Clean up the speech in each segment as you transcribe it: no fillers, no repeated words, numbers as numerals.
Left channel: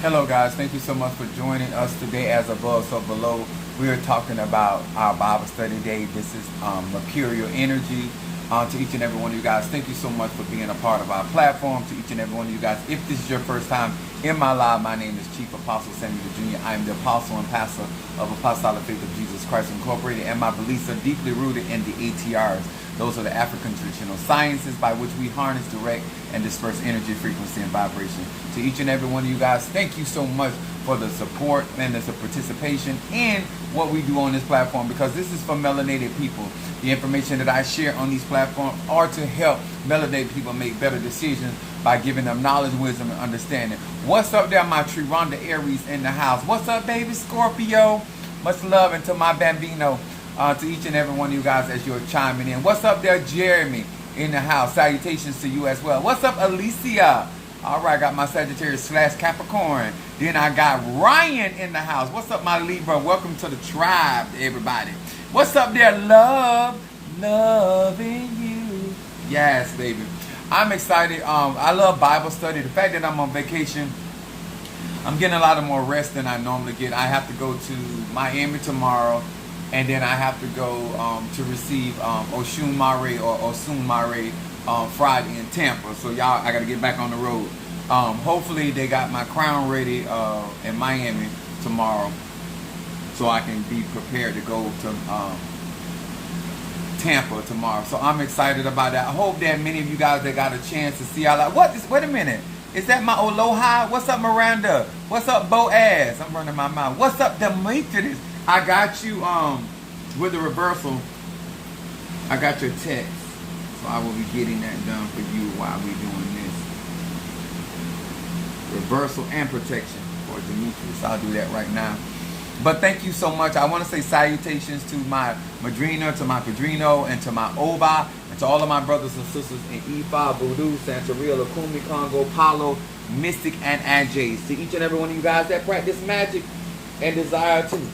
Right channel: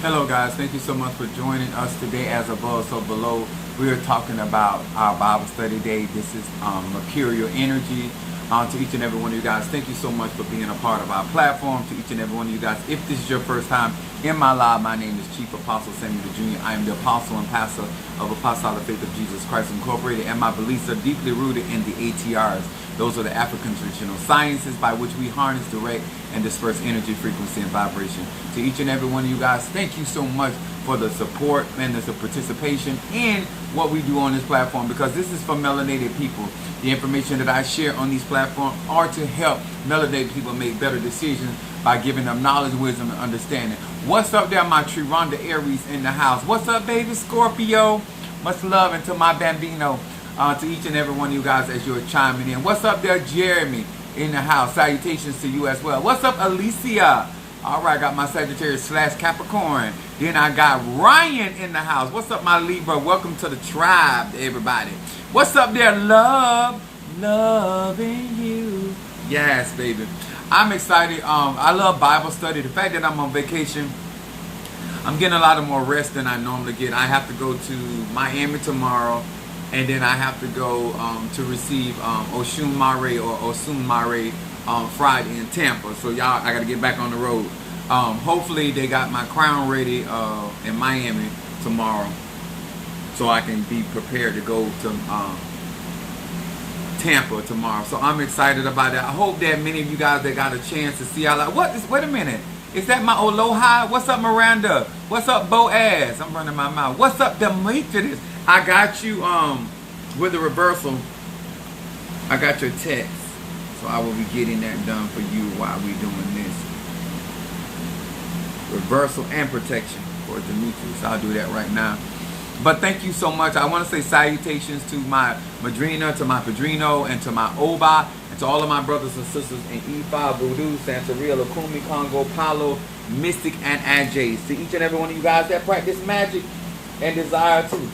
Hello guys, thank you so much for joining us today. As above, so below. We are talking about our Bible study day. This is Mercurial Energy. To each and every one of you guys, thank you so much for being a part of our platform. To each and every one of you guys, if this is your first time in my live, my name is Chief Apostle Samuel Jr. I am the apostle and pastor of Apostolic Faith of Jesus Christ Incorporated, and my beliefs are deeply rooted in the ATRs. Those are the African traditional sciences by which we harness, direct, and disperse energy, frequency, and vibration. To each and every one of you guys, thank you so much for the support and the participation in what we do on this platform, because this is for melanated people. The information that I share on these platforms are to help melanated people make better decisions by giving them knowledge, wisdom, and understanding. What's up there, my Triranda Aries in the house? What's up, baby Scorpio? Much love into my Bambino. To each and every one of you guys as you're chiming in. What's up there, Jeremy in the house? Salutations to you as well. What's up, Alicia? All right, I got my Sagittarius / Capricorn. Then I got Ryan in the house. What's up, my Libra? Welcome to the tribe, everybody. What's up there, love? Loving you. Yes, baby. I'm excited. I love Bible study. The fact that I'm on vacation, I'm getting a lot of more rest than I normally get. I have to go to Miami tomorrow. And then I have to go to receive Oshun Mare or Osun Mare Friday in Tampa. So y'all, I got to get back on the road. Hopefully they got my crown ready in Miami tomorrow, so I can be prepared to go to Tampa tomorrow. So I'm excited about that. I hope that many of you guys that got a chance to see all that. Wait a minute. Is that my Aloha? What's up, Miranda? What's up, Boaz? I'm running my mouth. What's up, Demetrius? I got you with the reversal. I got your text. So I will be getting that done for you while we're doing this. Reversal and protection for Demetrius. I'll do that right now. But thank you so much. I want to say salutations to my Madrina, to my Padrino, and to my Oba, and to all of my brothers and sisters in Ifa, Voodoo, Santeria, Lakumi, Congo, Palo, Mystic, and Anjays. To each and every one of you guys that practice magic and desire to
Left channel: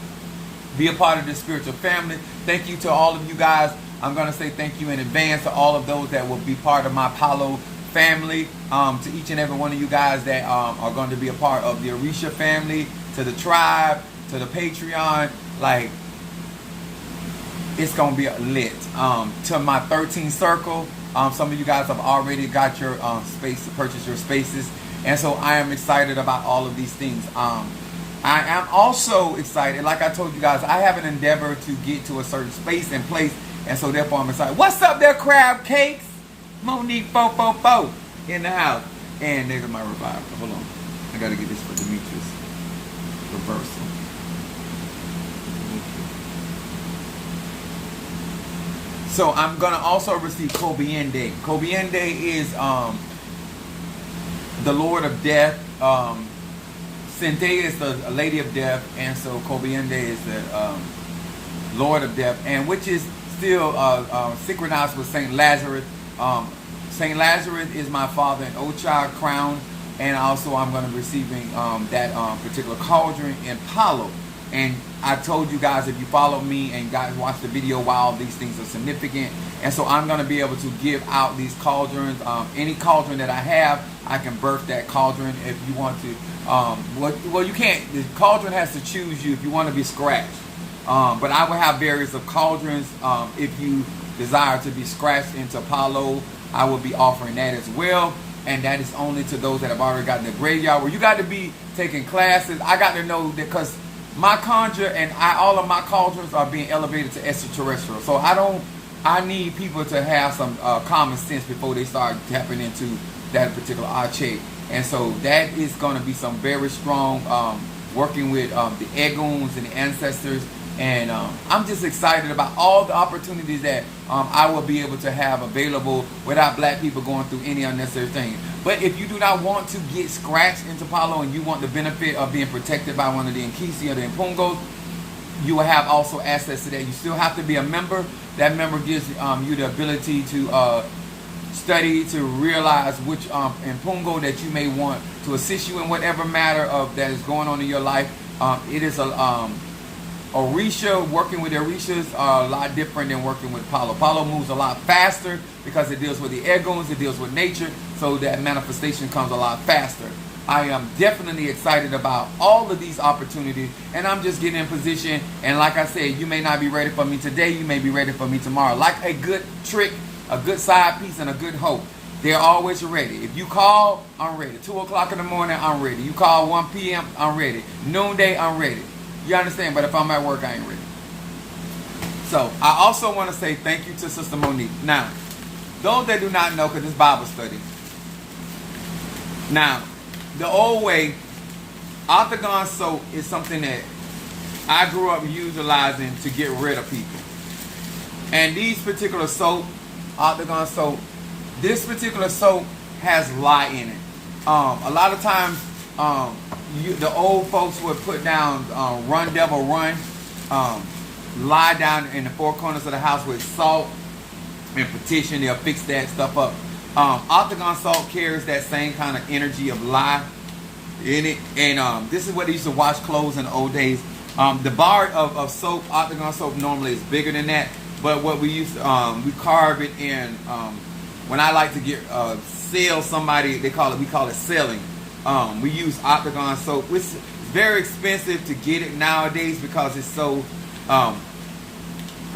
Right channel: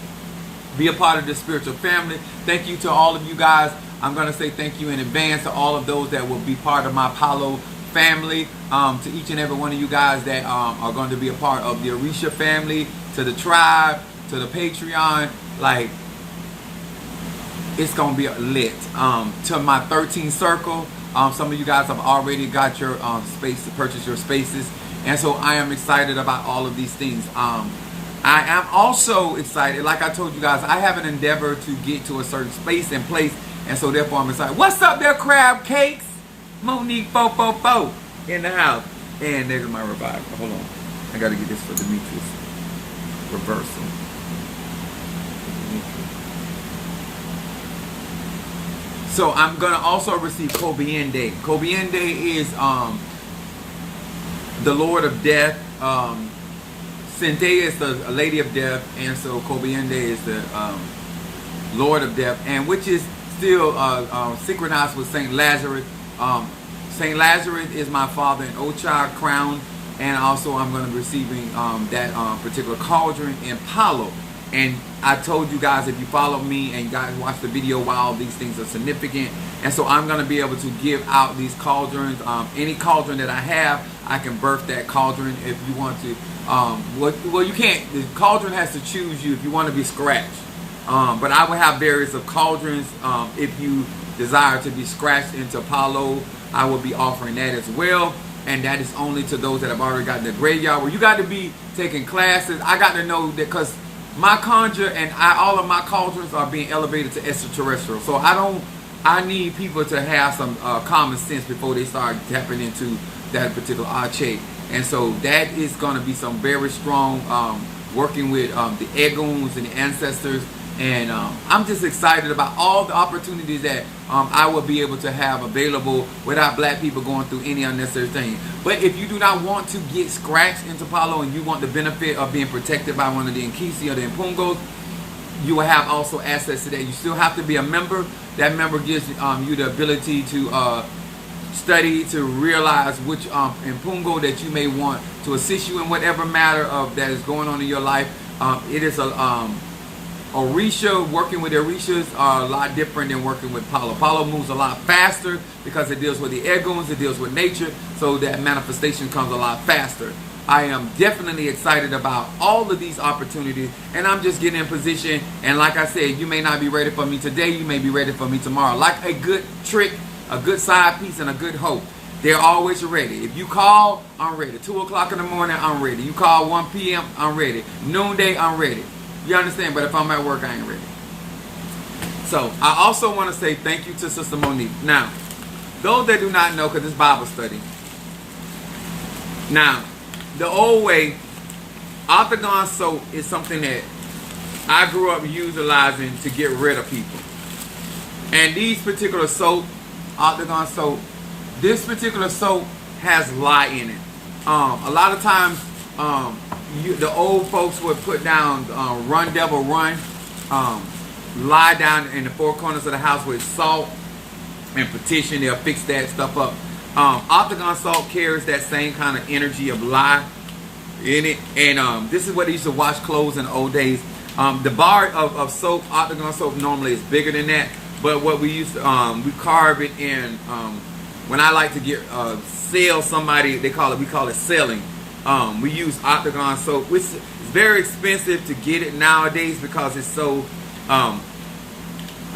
be a part of this spiritual family. Thank you to all of you guys. I'm going to say thank you in advance to all of those that will be part of my Palo family. To each and every one of you guys that are going to be a part of the Orisha family, to the tribe, to the Patreon. Like, it's going to be lit. To my 13 circle, some of you guys have already got your space to purchase your spaces. And so I am excited about all of these things. I am also excited, like I told you guys, I have an endeavor to get to a certain space and place, and so therefore I'm excited. What's up there, crab cakes? Monique 444 in the house. And there's my revival. Hold on. I got to get this for Demetrius. Reversal. So I'm going to also receive Kobiende. Kobiende is the Lord of Death. Cynthia is the Lady of Death, and so Kobiende is the Lord of Death, and which is still synchronized with Saint Lazarus. Saint Lazarus is my father in Ocha crown, and also I'm going to be receiving that particular cauldron in Palo. And I told you guys, if you follow me and guys watch the video, while these things are significant, and so I'm going to be able to give out these cauldrons. Any cauldron that I have, I can birth that cauldron if you want to. Well, you can't. The cauldron has to choose you if you want to be scratched. But I will have various of cauldrons. If you desire to be scratched into Palo, I will be offering that as well. And that is only to those that have already gotten the graveyard. Where you got to be taking classes. I got to know that, because my conjure and all of my cauldrons are being elevated to extraterrestrial. So I need people to have some common sense before they start tapping into that particular arche. And so that is going to be some very strong working with the Eguns and the ancestors. And I'm just excited about all the opportunities that I will be able to have available without black people going through any unnecessary thing. But if you do not want to get scratched into Palo and you want the benefit of being protected by one of the Nkisi or the Impungos, you will have also access to that. You still have to be a member. That member gives you the ability to study, to realize which Impungo that you may want to assist you in whatever matter of that is going on in your life. It is a Orisha, working with Orishas are a lot different than working with Palo. Palo moves a lot faster because it deals with the Eguns, it deals with nature, so that manifestation comes a lot faster. I am definitely excited about all of these opportunities, and I'm just getting in position. And like I said, you may not be ready for me today, you may be ready for me tomorrow. Like a good trick, a good side piece, and a good hope, they're always ready. If you call, I'm ready. 2 o'clock in the morning, I'm ready. You call 1 p.m., I'm ready. Noonday, I'm ready. You understand? But if I'm at work, I ain't ready. So I also want to say thank you to Sister Monique. Now, those that do not know, because it's Bible study. Now, the old way, Octagon soap is something that I grew up utilizing to get rid of people. And these particular soap, Octagon soap, this particular soap has lye in it. A lot of times, the old folks would put down Run Devil Run, lie down in the four corners of the house with salt and petition. They'll fix that stuff up. Octagon salt carries that same kind of energy of lye in it. And this is what they used to wash clothes in the old days. The bar of soap, Octagon soap, normally is bigger than that. But what we used to, we carve it in, when I like to get sell somebody, we call it selling. We use Octagon soap, which is very expensive to get it nowadays because it's so, I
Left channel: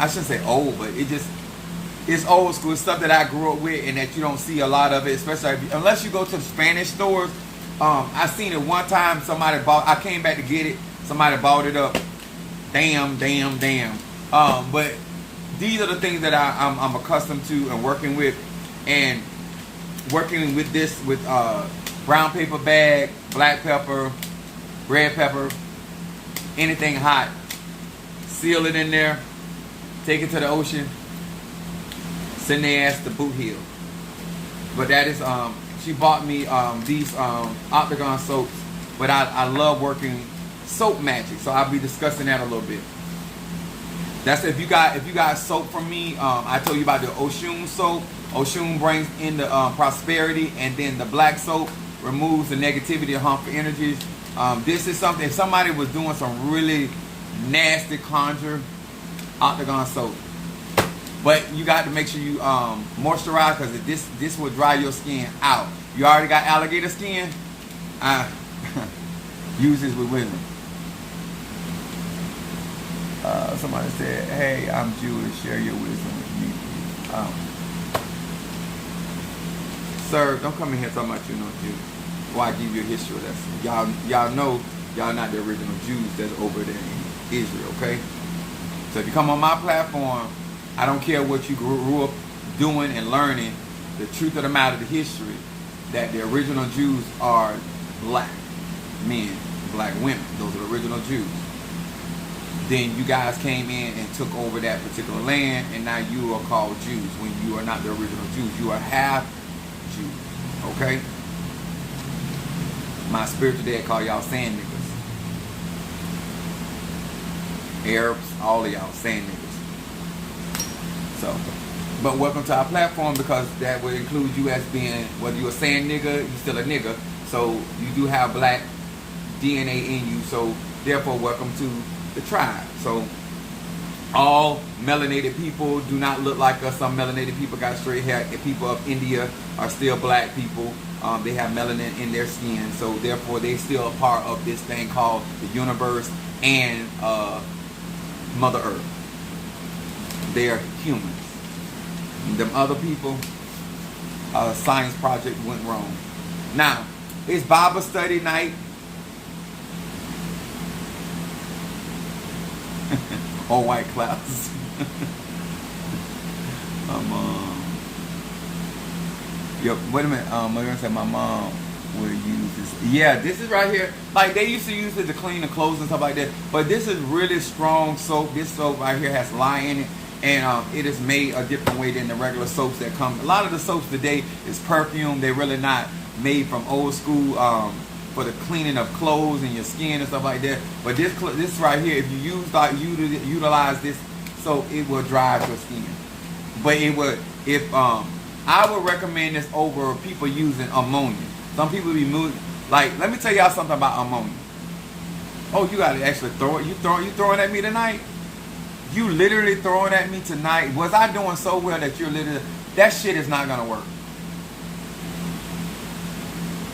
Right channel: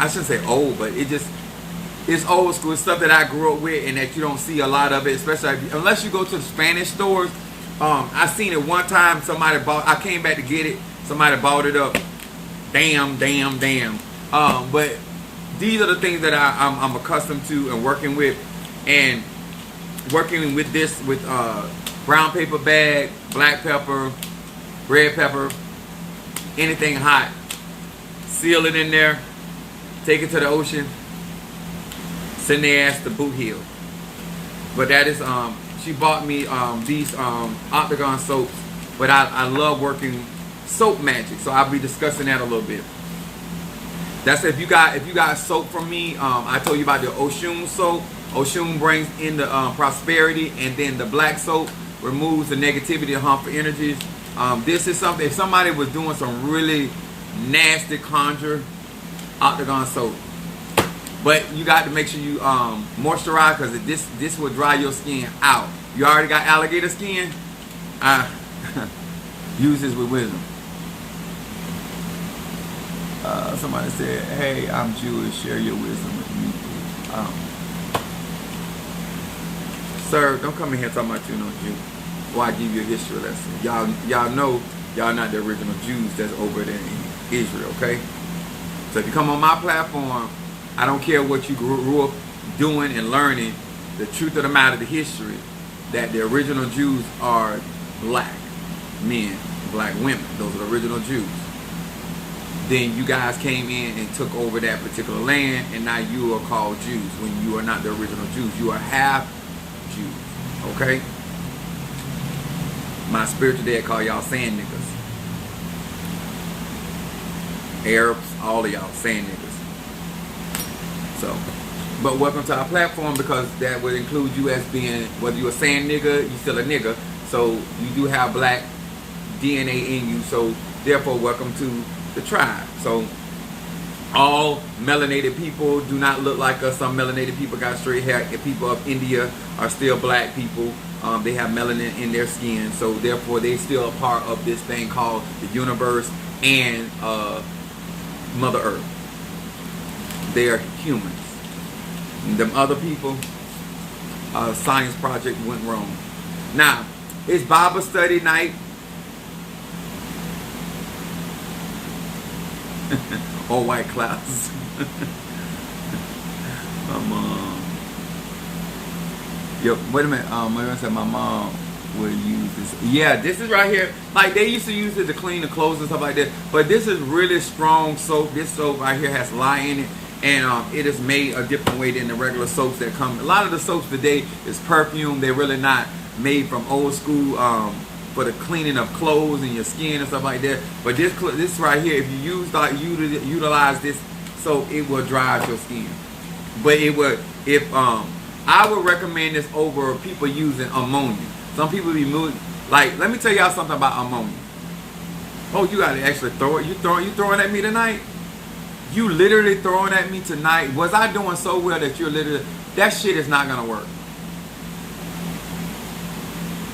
shouldn't say old, but it's old school. It's stuff that I grew up with and that you don't see a lot of it, especially unless you go to the Spanish stores. I seen it one time, I came back to get it, somebody bought it up. Damn. But these are the things that I'm accustomed to and working with. And working with this, with brown paper bag, black pepper, red pepper, anything hot, seal it in there, take it to the ocean, send their ass to Boot Hill. But that is, she bought me these Octagon soaps, but I love working soap magic, so I'll be discussing that a little bit. That's if you got soap from me. I told you about the Oshun soap. Oshun brings in the prosperity, and then the black soap removes the negativity and harmful energies. This is something, if somebody was doing some really nasty conjure, Octagon soap. But you got to make sure you moisturize, because this will dry your skin out. You already got alligator skin? Use this with wisdom. Somebody said, hey, I'm Jewish, share your wisdom with me. Sir, don't come in here talking about you no Jew. Why I give you a history lesson? Y'all know y'all not the original Jews that's over there in Israel, okay? So if you come on my platform, I don't care what you grew up doing and learning. The truth of the matter, the history, that the original Jews are black men, black women. Those are the original Jews. Then you guys came in and took over that particular land, and now you are called Jews when you are not the original Jews. You are half Jews, okay? My spiritual dad call y'all sand niggas. Arabs, all of y'all sand niggas. So, but welcome to our platform, because that would include you as being, whether you're a sand nigga, you still a nigga. So you do have black DNA in you. So therefore, welcome to the tribe. So all melanated people do not look like us. Some melanated people got straight hair. The people of India are still black people. They have melanin in their skin. So therefore, they still a part of this thing called the universe and Mother Earth. They are humans. And them other people, science project went wrong. Now, it's Bible study night. Or white clouds. My mom. Yo, wait a minute. I'm gonna say my mom would use this. Yeah, this is right here. Like they used to use it to clean the clothes and stuff like that. But this is really strong soap. This soap right here has lye in it, and it is made a different way than the regular soaps that come. A lot of the soaps today is perfume. They're really not made from old school. For the cleaning of clothes and your skin and stuff like that. But this right here, if you utilize this soap, it will dry out your skin. But it would, I would recommend this over people using ammonia. Some people be moving, like, let me tell y'all something about ammonia. Oh, you gotta actually throw it. You throwing at me tonight? You literally throwing at me tonight? Was I doing so well that you're literally, that shit is not gonna work.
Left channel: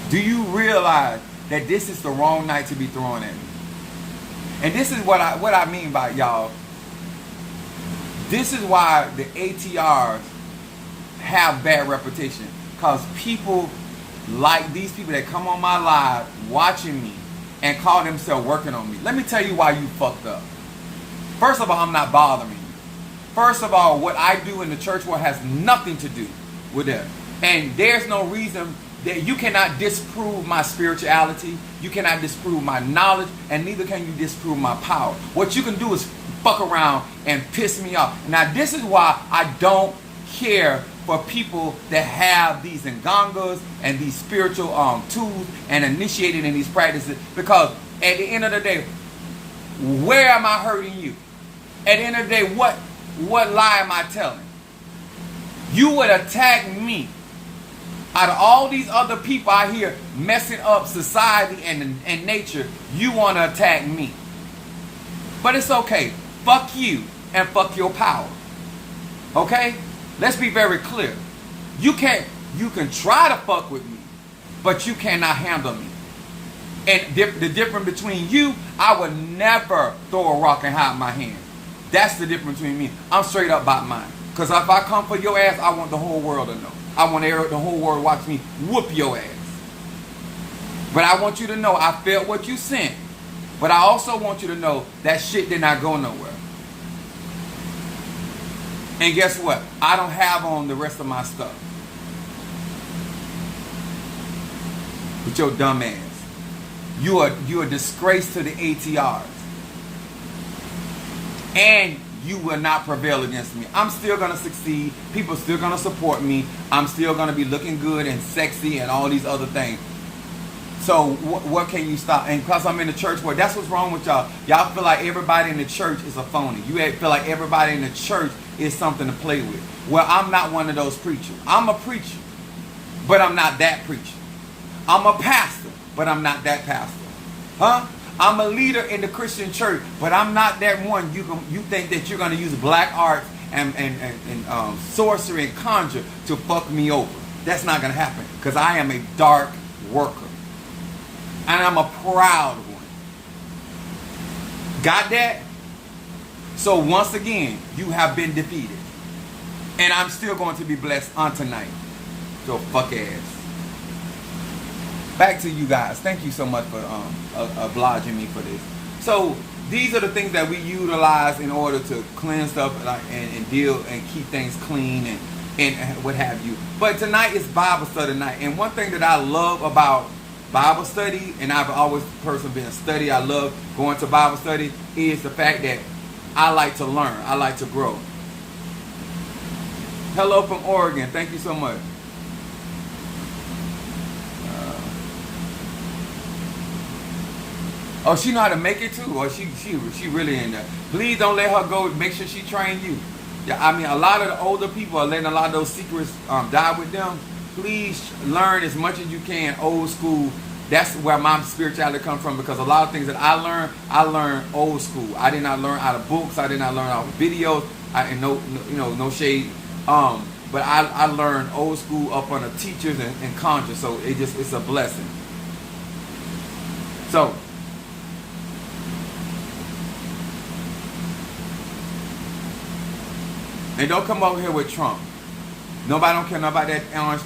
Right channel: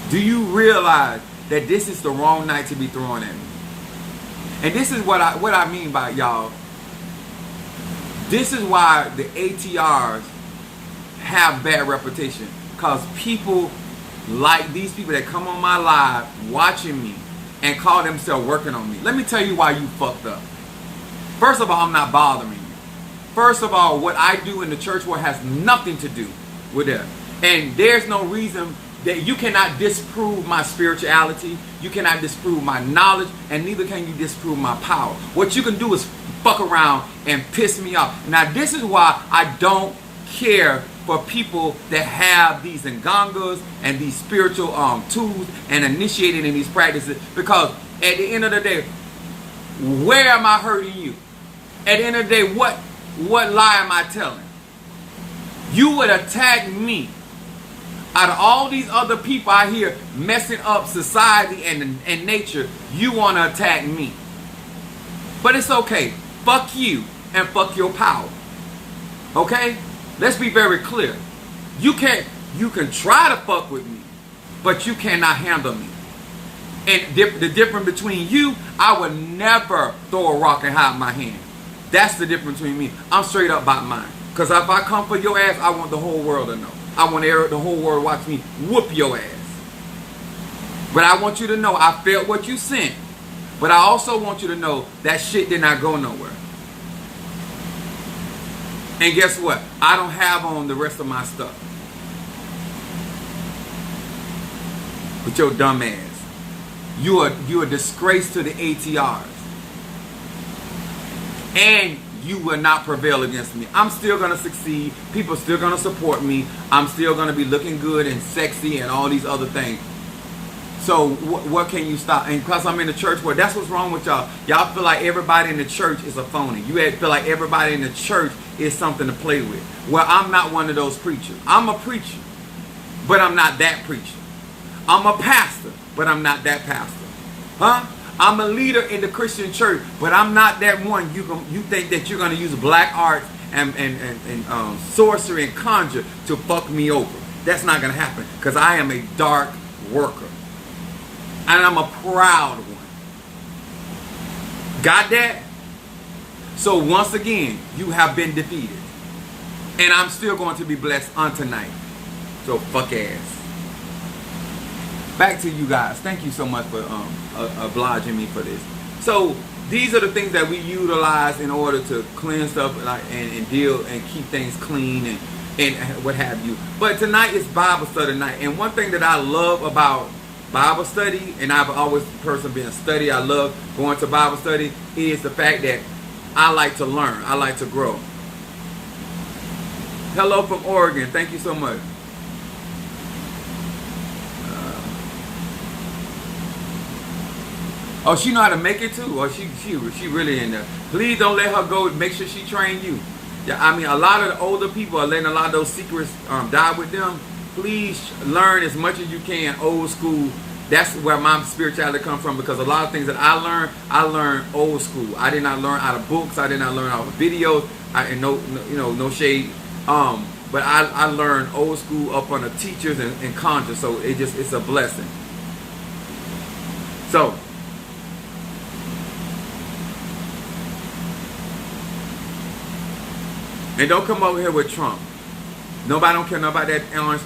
Do you realize that this is the wrong night to be thrown at me. And this is what I mean by y'all. This is why the ATRs have bad reputation. Because people like these people that come on my live watching me and call themselves working on me. Let me tell you why you fucked up. First of all, I'm not bothering you. First of all, what I do in the church world has nothing to do with that. And there's no reason that you cannot disprove my spirituality. You cannot disprove my knowledge. And neither can you disprove my power. What you can do is fuck around and piss me off. Now, this is why I don't care for people that have these ngangas and these spiritual tools and initiated in these practices. Because at the end of the day, where am I hurting you? At the end of the day, what lie am I telling? You would attack me. Out of all these other people out here messing up society and nature, you want to attack me. But it's okay. Fuck you and fuck your power. Okay? Let's be very clear. You can try to fuck with me, but you cannot handle me. And the difference between you, I would never throw a rock and hide my hand. That's the difference between me. I'm straight up about mine. Because if I come for your ass, I want the whole world to know. I want the whole world to watch me whoop your ass. But I want you to know I felt what you sent. But I also want you to know that shit did not go nowhere. And guess what? I don't have on the rest of my stuff. With your dumb ass. You're a disgrace to the ATRs. And you will not prevail against me. I'm still going to succeed. People are still going to support me. I'm still going to be looking good and sexy and all these other things. So what can you stop? And because I'm in the church world, that's what's wrong with y'all. Y'all feel like everybody in the church is a phony. You feel like everybody in the church is something to play with. Well, I'm not one of those preachers. I'm a preacher, but I'm not that preacher. I'm a pastor, but I'm not that pastor. Huh? I'm a leader in the Christian church, but I'm not that one. You think that you're going to use black arts and sorcery and conjure to fuck me over. That's not going to happen because I am a dark worker. And I'm a proud one. Got that? So once again, you have been defeated. And I'm still going to be blessed on tonight. So fuck ass. Back to you guys. Thank you so much for obliging me for this. So these are the things that we utilize in order to cleanse stuff and deal and keep things clean and what have you. But tonight is Bible study night. And one thing that I love about Bible study, and I've always the person being study, I love going to Bible study, is the fact that I like to learn. I like to grow. Hello from Oregon. Thank you so much. Oh, she know how to make it too, or she really in there. Please don't let her go. Make sure she train you. Yeah, I mean, a lot of the older people are letting a lot of those secrets die with them. Please learn as much as you can old school. That's where my spirituality comes from, because a lot of things that I learned old school. I did not learn out of books. I did not learn out of videos. No shade. But I learned old school up on the teachers and conjure. So it's a blessing. So. And don't come over here with Trump. Nobody don't care about that orange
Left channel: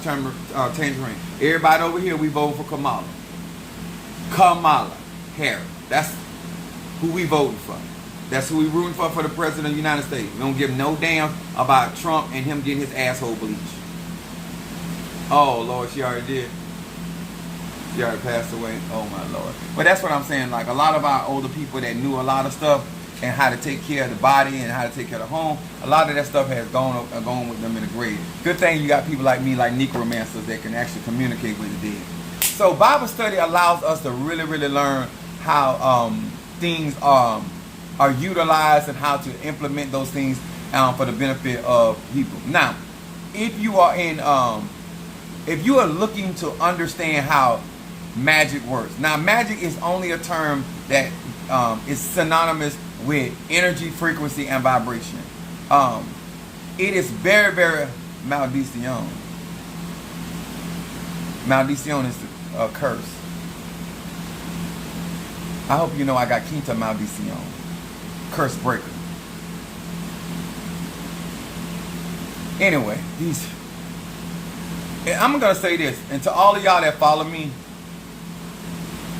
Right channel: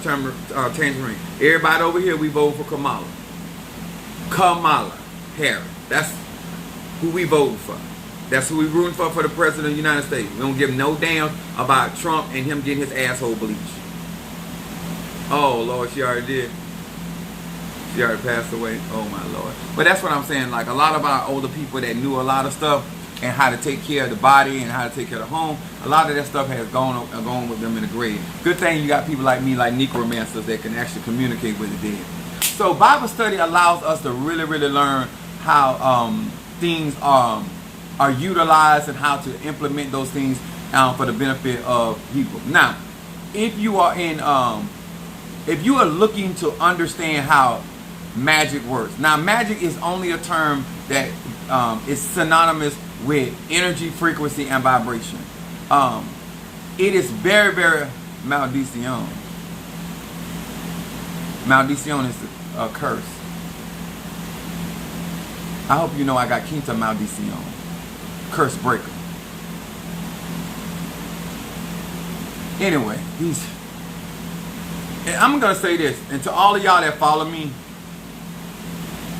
tangerine. Everybody over here, we vote for Kamala. Kamala Harris. That's who we voting for. That's who we rooting for the president of the United States. We don't give no damn about Trump and him getting his asshole bleached. Oh, Lord, she already did. She already passed away. Oh, my Lord. But that's what I'm saying. Like, a lot of our older people that knew a lot of stuff, and how to take care of the body and how to take care of the home, a lot of that stuff has gone with them in the grave. Good thing you got people like me, like necromancers, that can actually communicate with the dead. So Bible study allows us to really, really learn how things are utilized and how to implement those things for the benefit of people. Now, if you are looking to understand how magic works. Now, magic is only a term that is synonymous with energy, frequency, and vibration. It is very, very maldición. Maldición is a curse. I hope you know I got Quinta Maldición, curse breaker. Anyway, I'm going to say this, and to all of y'all that follow me,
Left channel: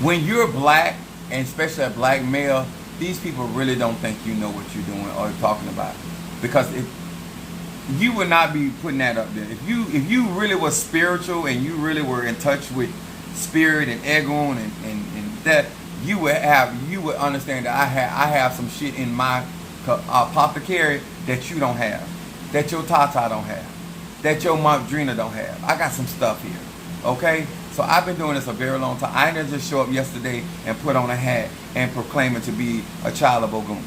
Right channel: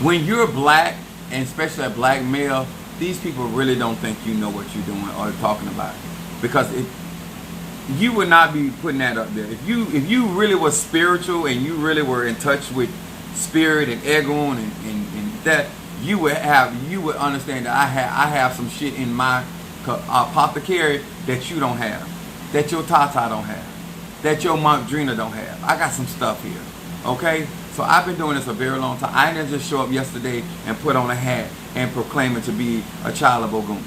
when you're black, and especially a black male, these people really don't think you know what you're doing or talking about. Because you would not be putting that up there. If you really were spiritual and you really were in touch with spirit and Egon and that, you would understand that I have some shit in my apothecary that you don't have, that your Tata don't have, that your Madrina don't have. I got some stuff here, okay? So I've been doing this a very long time. I didn't just show up yesterday and put on a hat and proclaim it to be a child of Ogun.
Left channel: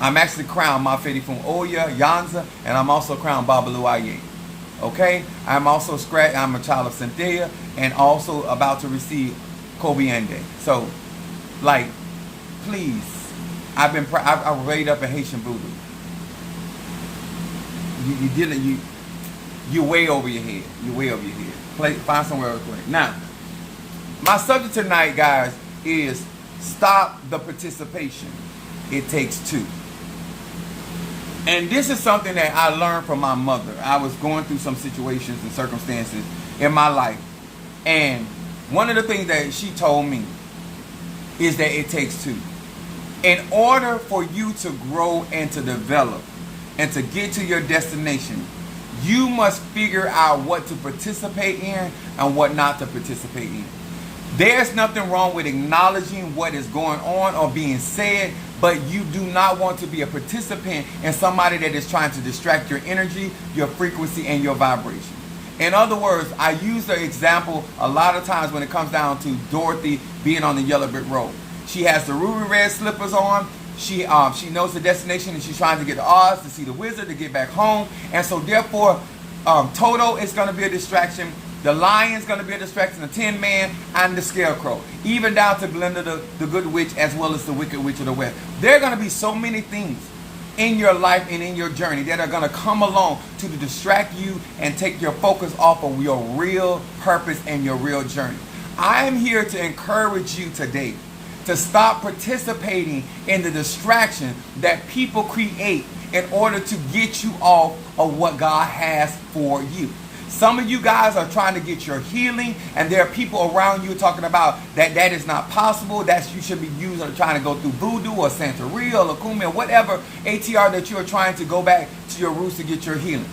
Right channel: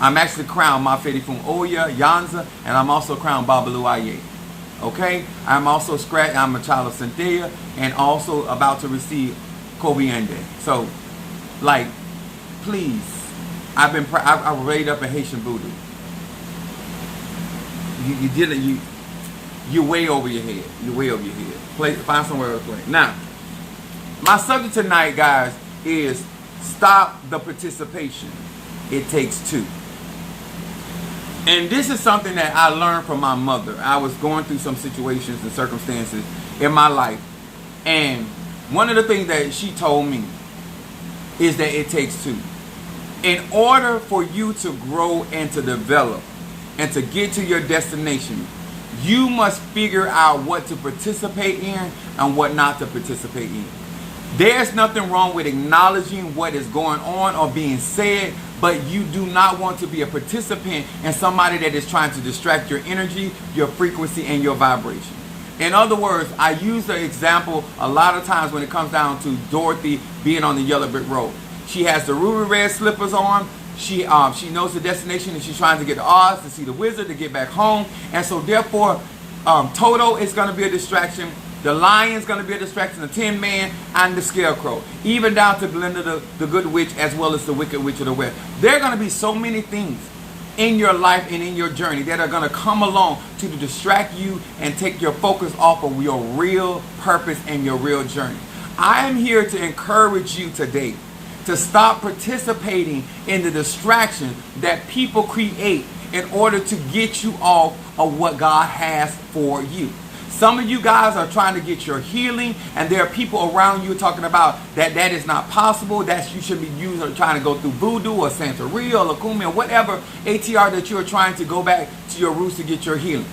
I'm actually crowned Mafedi Fun Oya, Yanza, and I'm also crowned Babalu Aye. Okay? I'm a child of Cynthia and also about to receive Kobiende. So, like, please, I raised up in Haitian Voodoo. You're way over your head. You're way over your head. Find somewhere else to play. Now, my subject tonight, guys, is stop the participation. It takes two. And this is something that I learned from my mother. I was going through some situations and circumstances in my life. And one of the things that she told me is that it takes two. In order for you to grow and to develop and to get to your destination, you must figure out what to participate in and what not to participate in. There's nothing wrong with acknowledging what is going on or being said, but you do not want to be a participant in somebody that is trying to distract your energy, your frequency, and your vibration. In other words, I use the example a lot of times when it comes down to Dorothy being on the yellow brick road. She has the ruby red slippers on. She knows the destination and she's trying to get to Oz to see the wizard, to get back home. And so therefore, Toto is going to be a distraction. The Lion's going to be a distraction, the Tin Man, and the Scarecrow. Even down to Glinda, the Good Witch, as well as the Wicked Witch of the West. There are going to be so many things in your life and in your journey that are going to come along to distract you and take your focus off of your real purpose and your real journey. I am here to encourage you today to stop participating in the distraction that people create in order to get you off of what God has for you. Some of you guys are trying to get your healing, and there are people around you talking about that is not possible, that you should be using or trying to go through voodoo or Santeria or Lakumi or whatever ATR that you are trying to go back to your roots to get your healing.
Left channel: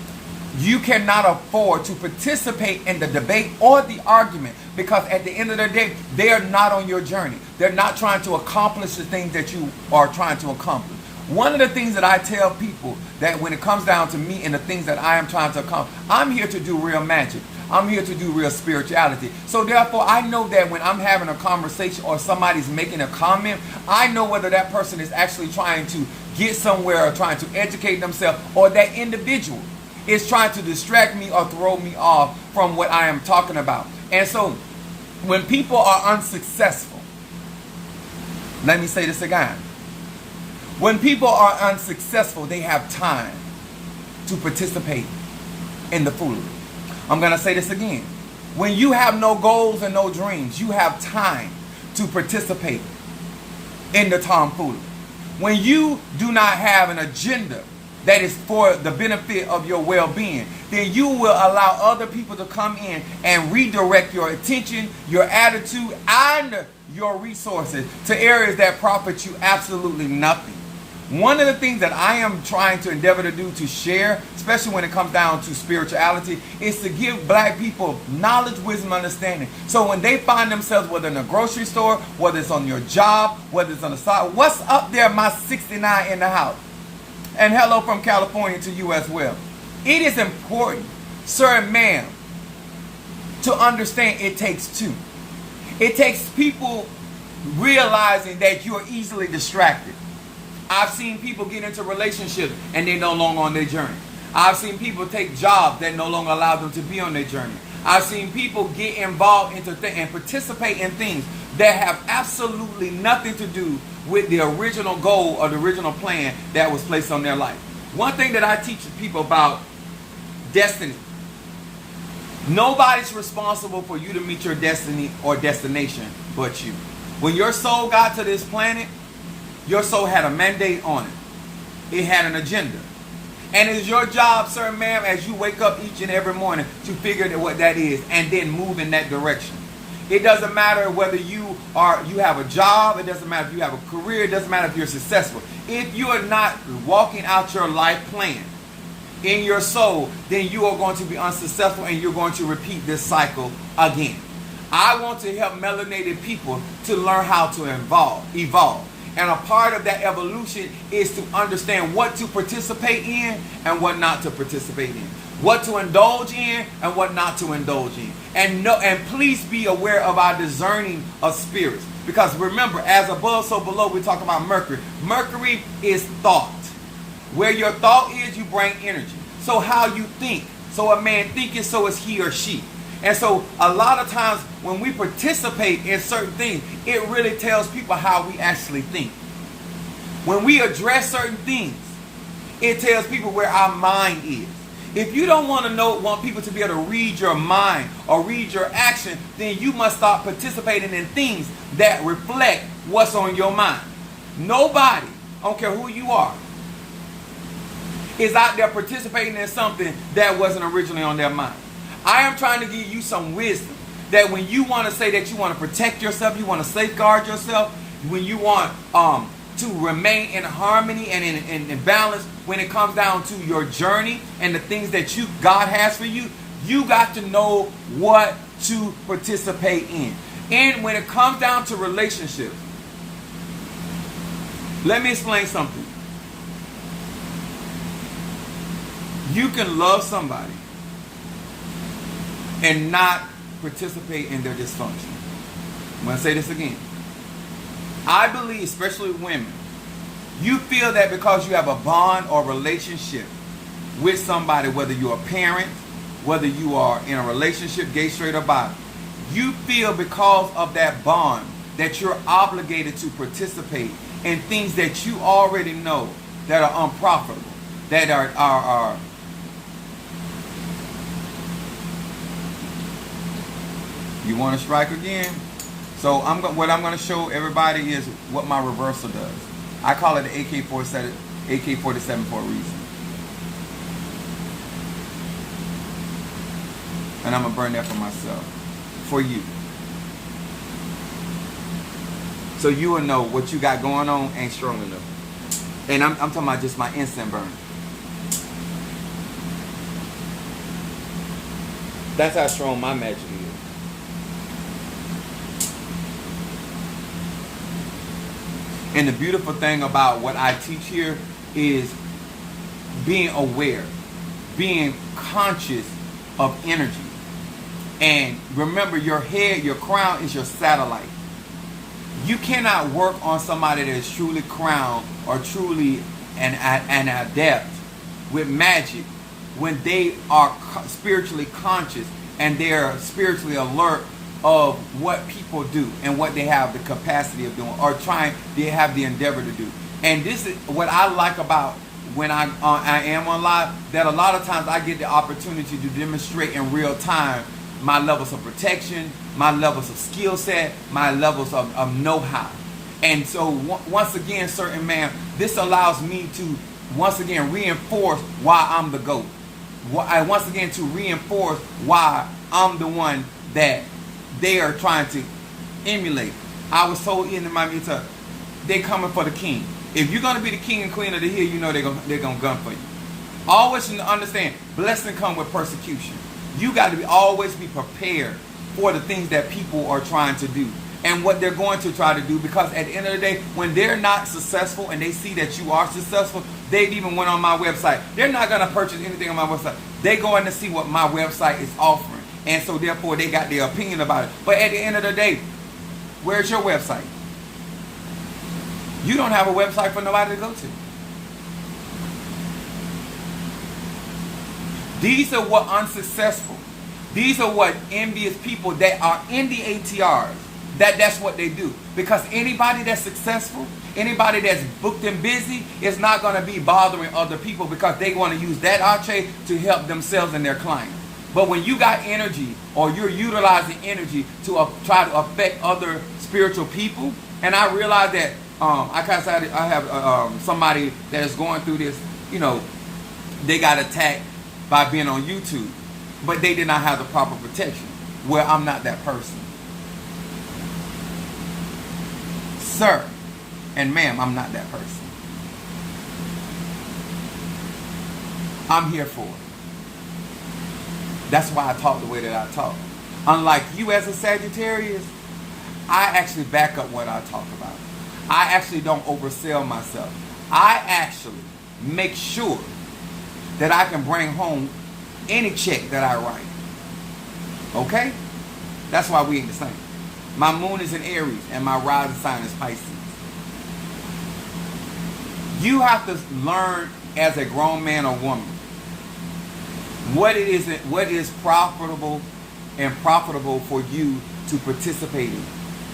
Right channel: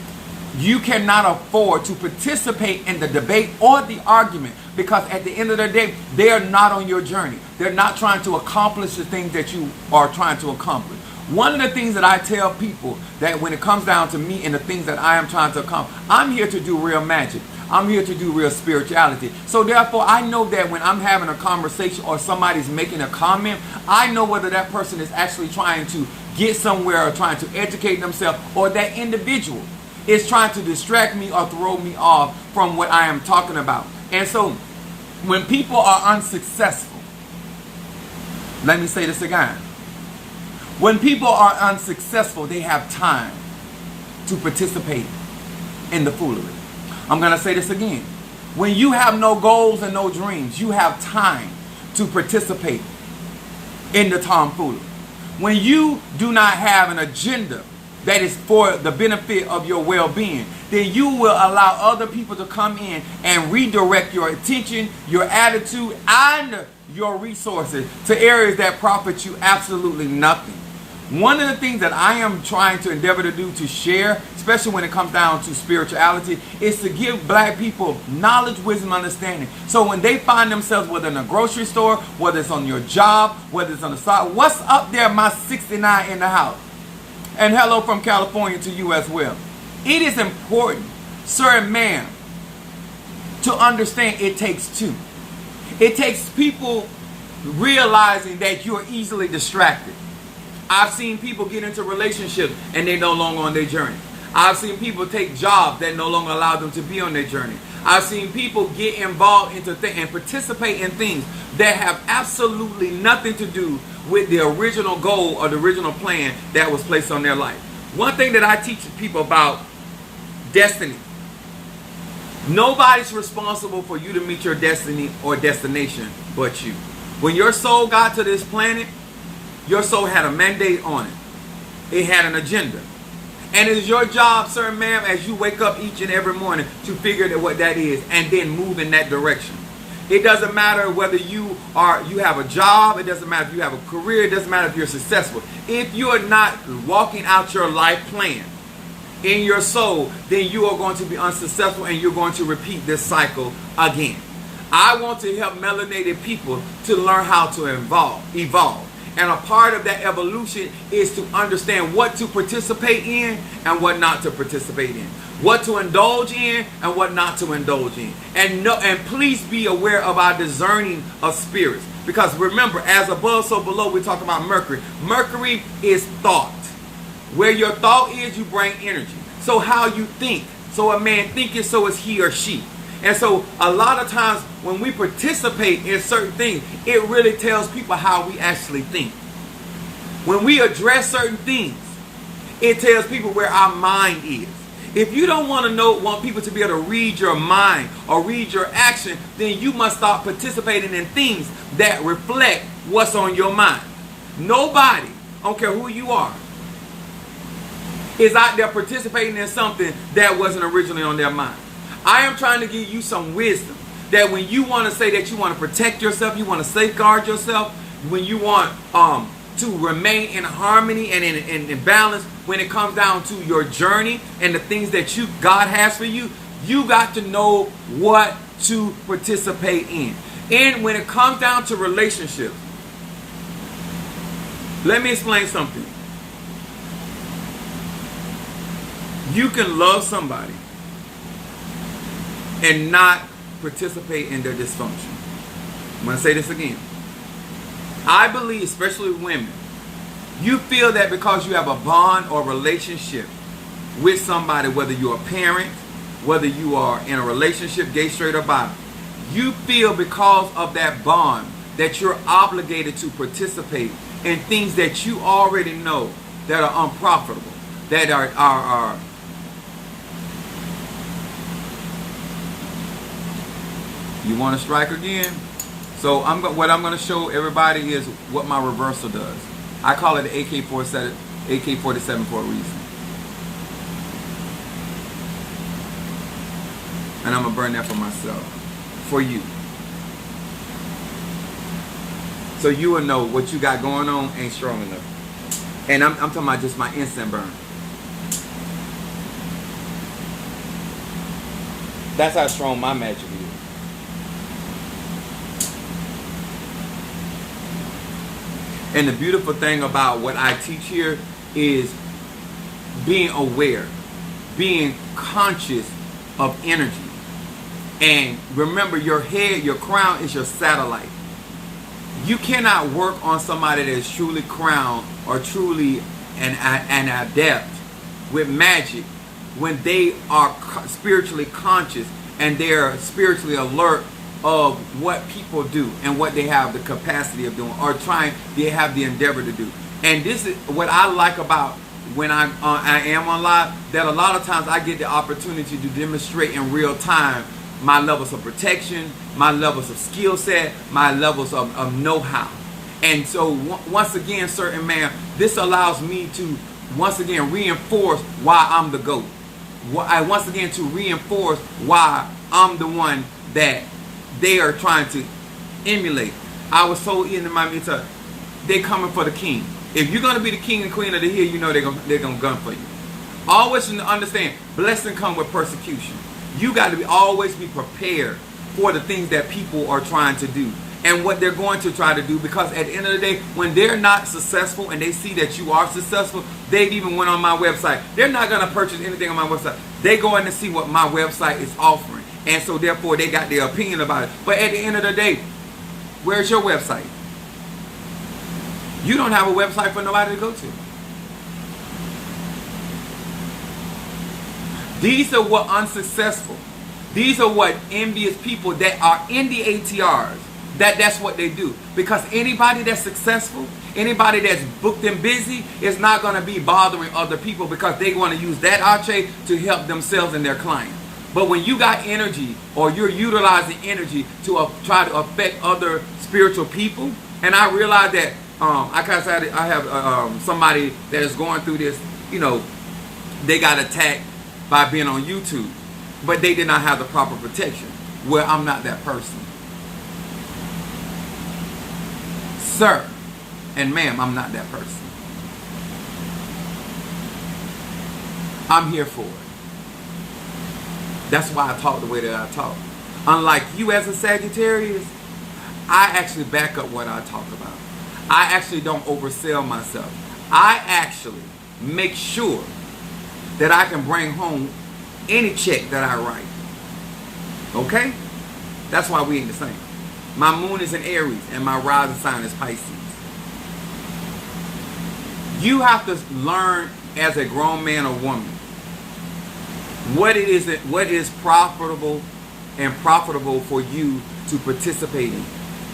You cannot afford to participate in the debate or the argument, because at the end of the day, they are not on your journey. They're not trying to accomplish the things that you are trying to accomplish. One of the things that I tell people that when it comes down to me and the things that I am trying to accomplish, I'm here to do real magic. I'm here to do real spirituality. So therefore, I know that when I'm having a conversation or somebody's making a comment, I know whether that person is actually trying to get somewhere or trying to educate themselves, or that individual is trying to distract me or throw me off from what I am talking about. And so when people are unsuccessful, let me say this again. When people are unsuccessful, they have time to participate in the foolery. I'm going to say this again. When you have no goals and no dreams, you have time to participate in the tomfoolery. When you do not have an agenda that is for the benefit of your well-being, then you will allow other people to come in and redirect your attention, your attitude, and your resources to areas that profit you absolutely nothing. One of the things that I am trying to endeavor to do, to share, especially when it comes down to spirituality, is to give black people knowledge, wisdom, understanding. So when they find themselves, whether in a grocery store, whether it's on your job, whether it's on the side, what's up there, my 69 in the house? And hello from California to you as well. It is important, sir and ma'am, to understand it takes two. It takes people realizing that you are easily distracted. I've seen people get into relationships and they're no longer on their journey. I've seen people take jobs that no longer allow them to be on their journey. I've seen people get involved into and participate in things that have absolutely nothing to do with the original goal or the original plan that was placed on their life. One thing that I teach people about destiny: nobody's responsible for you to meet your destiny or destination but you. When your soul got to this planet, your soul had a mandate on it. It had an agenda. And it is your job, sir and ma'am, as you wake up each and every morning to figure out what that is and then move in that direction. It doesn't matter whether you have a job. It doesn't matter if you have a career. It doesn't matter if you're successful. If you are not walking out your life plan in your soul, then you are going to be unsuccessful and you're going to repeat this cycle again. I want to help melanated people to learn how to evolve. And a part of that evolution is to understand what to participate in and what not to participate in. What to indulge in and what not to indulge in. And please be aware of our discerning of spirits. Because remember, as above, so below, we talk about Mercury. Mercury is thought. Where your thought is, you bring energy. So how you think. So a man thinketh, so is he or she. And so a lot of times when we participate in certain things, it really tells people how we actually think. When we address certain things, it tells people where our mind is. If you don't want people to be able to read your mind or read your action, then you must start participating in things that reflect what's on your mind. Nobody, I don't care who you are, is out there participating in something that wasn't originally on their mind. I am trying to give you some wisdom that when you want to say that you want to protect yourself, you want to safeguard yourself, when you want to remain in harmony and in balance when it comes down to your journey and the things that God has for you, you got to know what to participate in. And when it comes down to relationships, let me explain something. You can love somebody and not participate in their dysfunction. I'm going to say this again. I believe, especially women, you feel that because you have a bond or relationship with somebody, whether you're a parent, whether you are in a relationship, gay, straight, or bi, you feel because of that bond that you're obligated to participate in things that you already know that are unprofitable, that are You want to strike again? So what I'm going to show everybody is what my reversal does. I call it the AK-47 for a reason. And I'm going to burn that for myself. For you. So you will know what you got going on ain't strong enough. And I'm talking about just my instant burn. That's how strong my magic is. And the beautiful thing about what I teach here is being aware, being conscious of energy. And remember, your head, your crown is your satellite. You cannot work on somebody that is truly crowned or truly an adept with magic when they are spiritually conscious and they're spiritually alert of what people do and what they have the capacity of doing or they have the endeavor to do. And this is what I like about when I am on live, that a lot of times I get the opportunity to demonstrate in real time my levels of protection, my levels of skill set, my levels of know-how. And so once again, certain man, this allows me to once again reinforce why I'm the GOAT. Once again to reinforce why I'm the one that they are trying to emulate. I was told in my meetup, they're coming for the king. If you're going to be the king and queen of the hill, you know they're going to gun for you. Always understand, blessing comes with persecution. You got to always be prepared for the things that people are trying to do and what they're going to try to do, because at the end of the day, when they're not successful and they see that you are successful, they even went on my website. They're not going to purchase anything on my website. They're going to see what my website is offering. And so therefore they got their opinion about it. But at the end of the day, where's your website? You don't have a website for nobody to go to. These are what unsuccessful. These are what envious people that are in the ATRs. That's what they do. Because anybody that's successful, anybody that's booked and busy is not going to be bothering other people because they want to use that arche to help themselves and their client. But when you got energy or you're utilizing energy to try to affect other spiritual people. And I realized that I have somebody that is going through this. You know, they got attacked by being on YouTube, but they did not have the proper protection. Well, I'm not that person, sir and ma'am. I'm not that person. I'm here for it. That's why I talk the way that I talk. Unlike you as a Sagittarius, I actually back up what I talk about. I actually don't oversell myself. I actually make sure that I can bring home any check that I write. Okay? That's why we ain't the same. My moon is in Aries and my rising sign is Pisces. You have to learn as a grown man or woman what is profitable for you to participate in.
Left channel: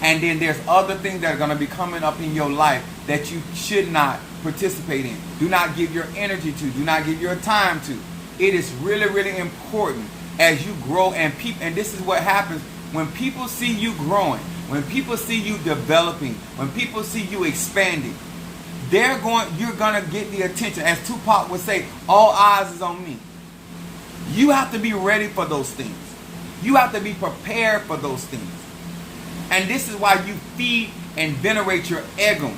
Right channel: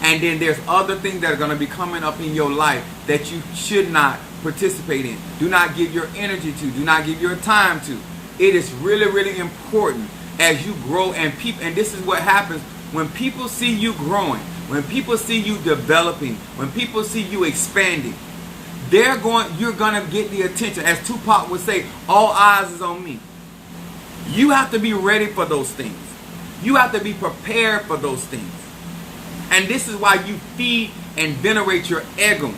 And then there's other things that are going to be coming up in your life that you should not participate in. Do not give your energy to. Do not give your time to. It is really, really important as you grow, and this is what happens when people see you growing, when people see you developing, when people see you expanding. You're going to get the attention. As Tupac would say, all eyes is on me. You have to be ready for those things. You have to be prepared for those things. And this is why you feed and venerate your ego.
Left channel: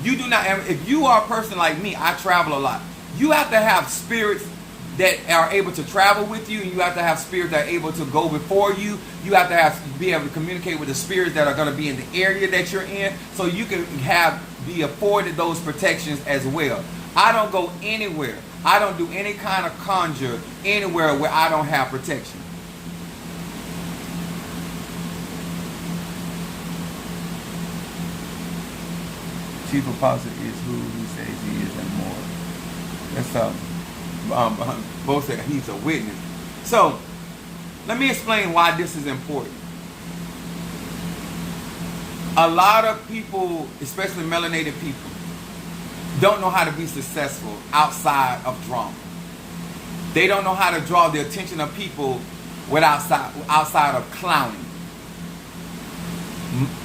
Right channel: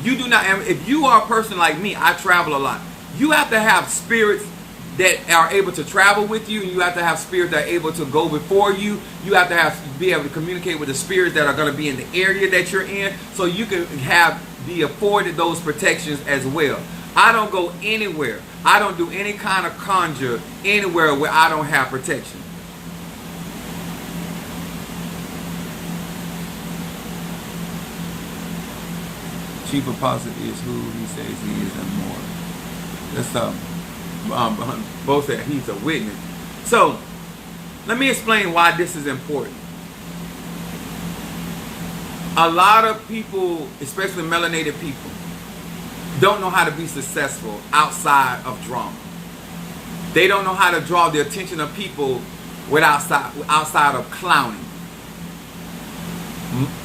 You do not, if you are a person like me, I travel a lot. You have to have spirits that are able to travel with you. You have to have spirits that are able to go before you. You have to be able to communicate with the spirits that are going to be in the area that you're in, so you can be afforded those protections as well. I don't go anywhere. I don't do any kind of conjure anywhere where I don't have protection. Chief Apostle is who he says he is and more. That's both said he's a witness. So let me explain why this is important. A lot of people, especially melanated people, don't know how to be successful outside of drama. They don't know how to draw the attention of people outside of clowning.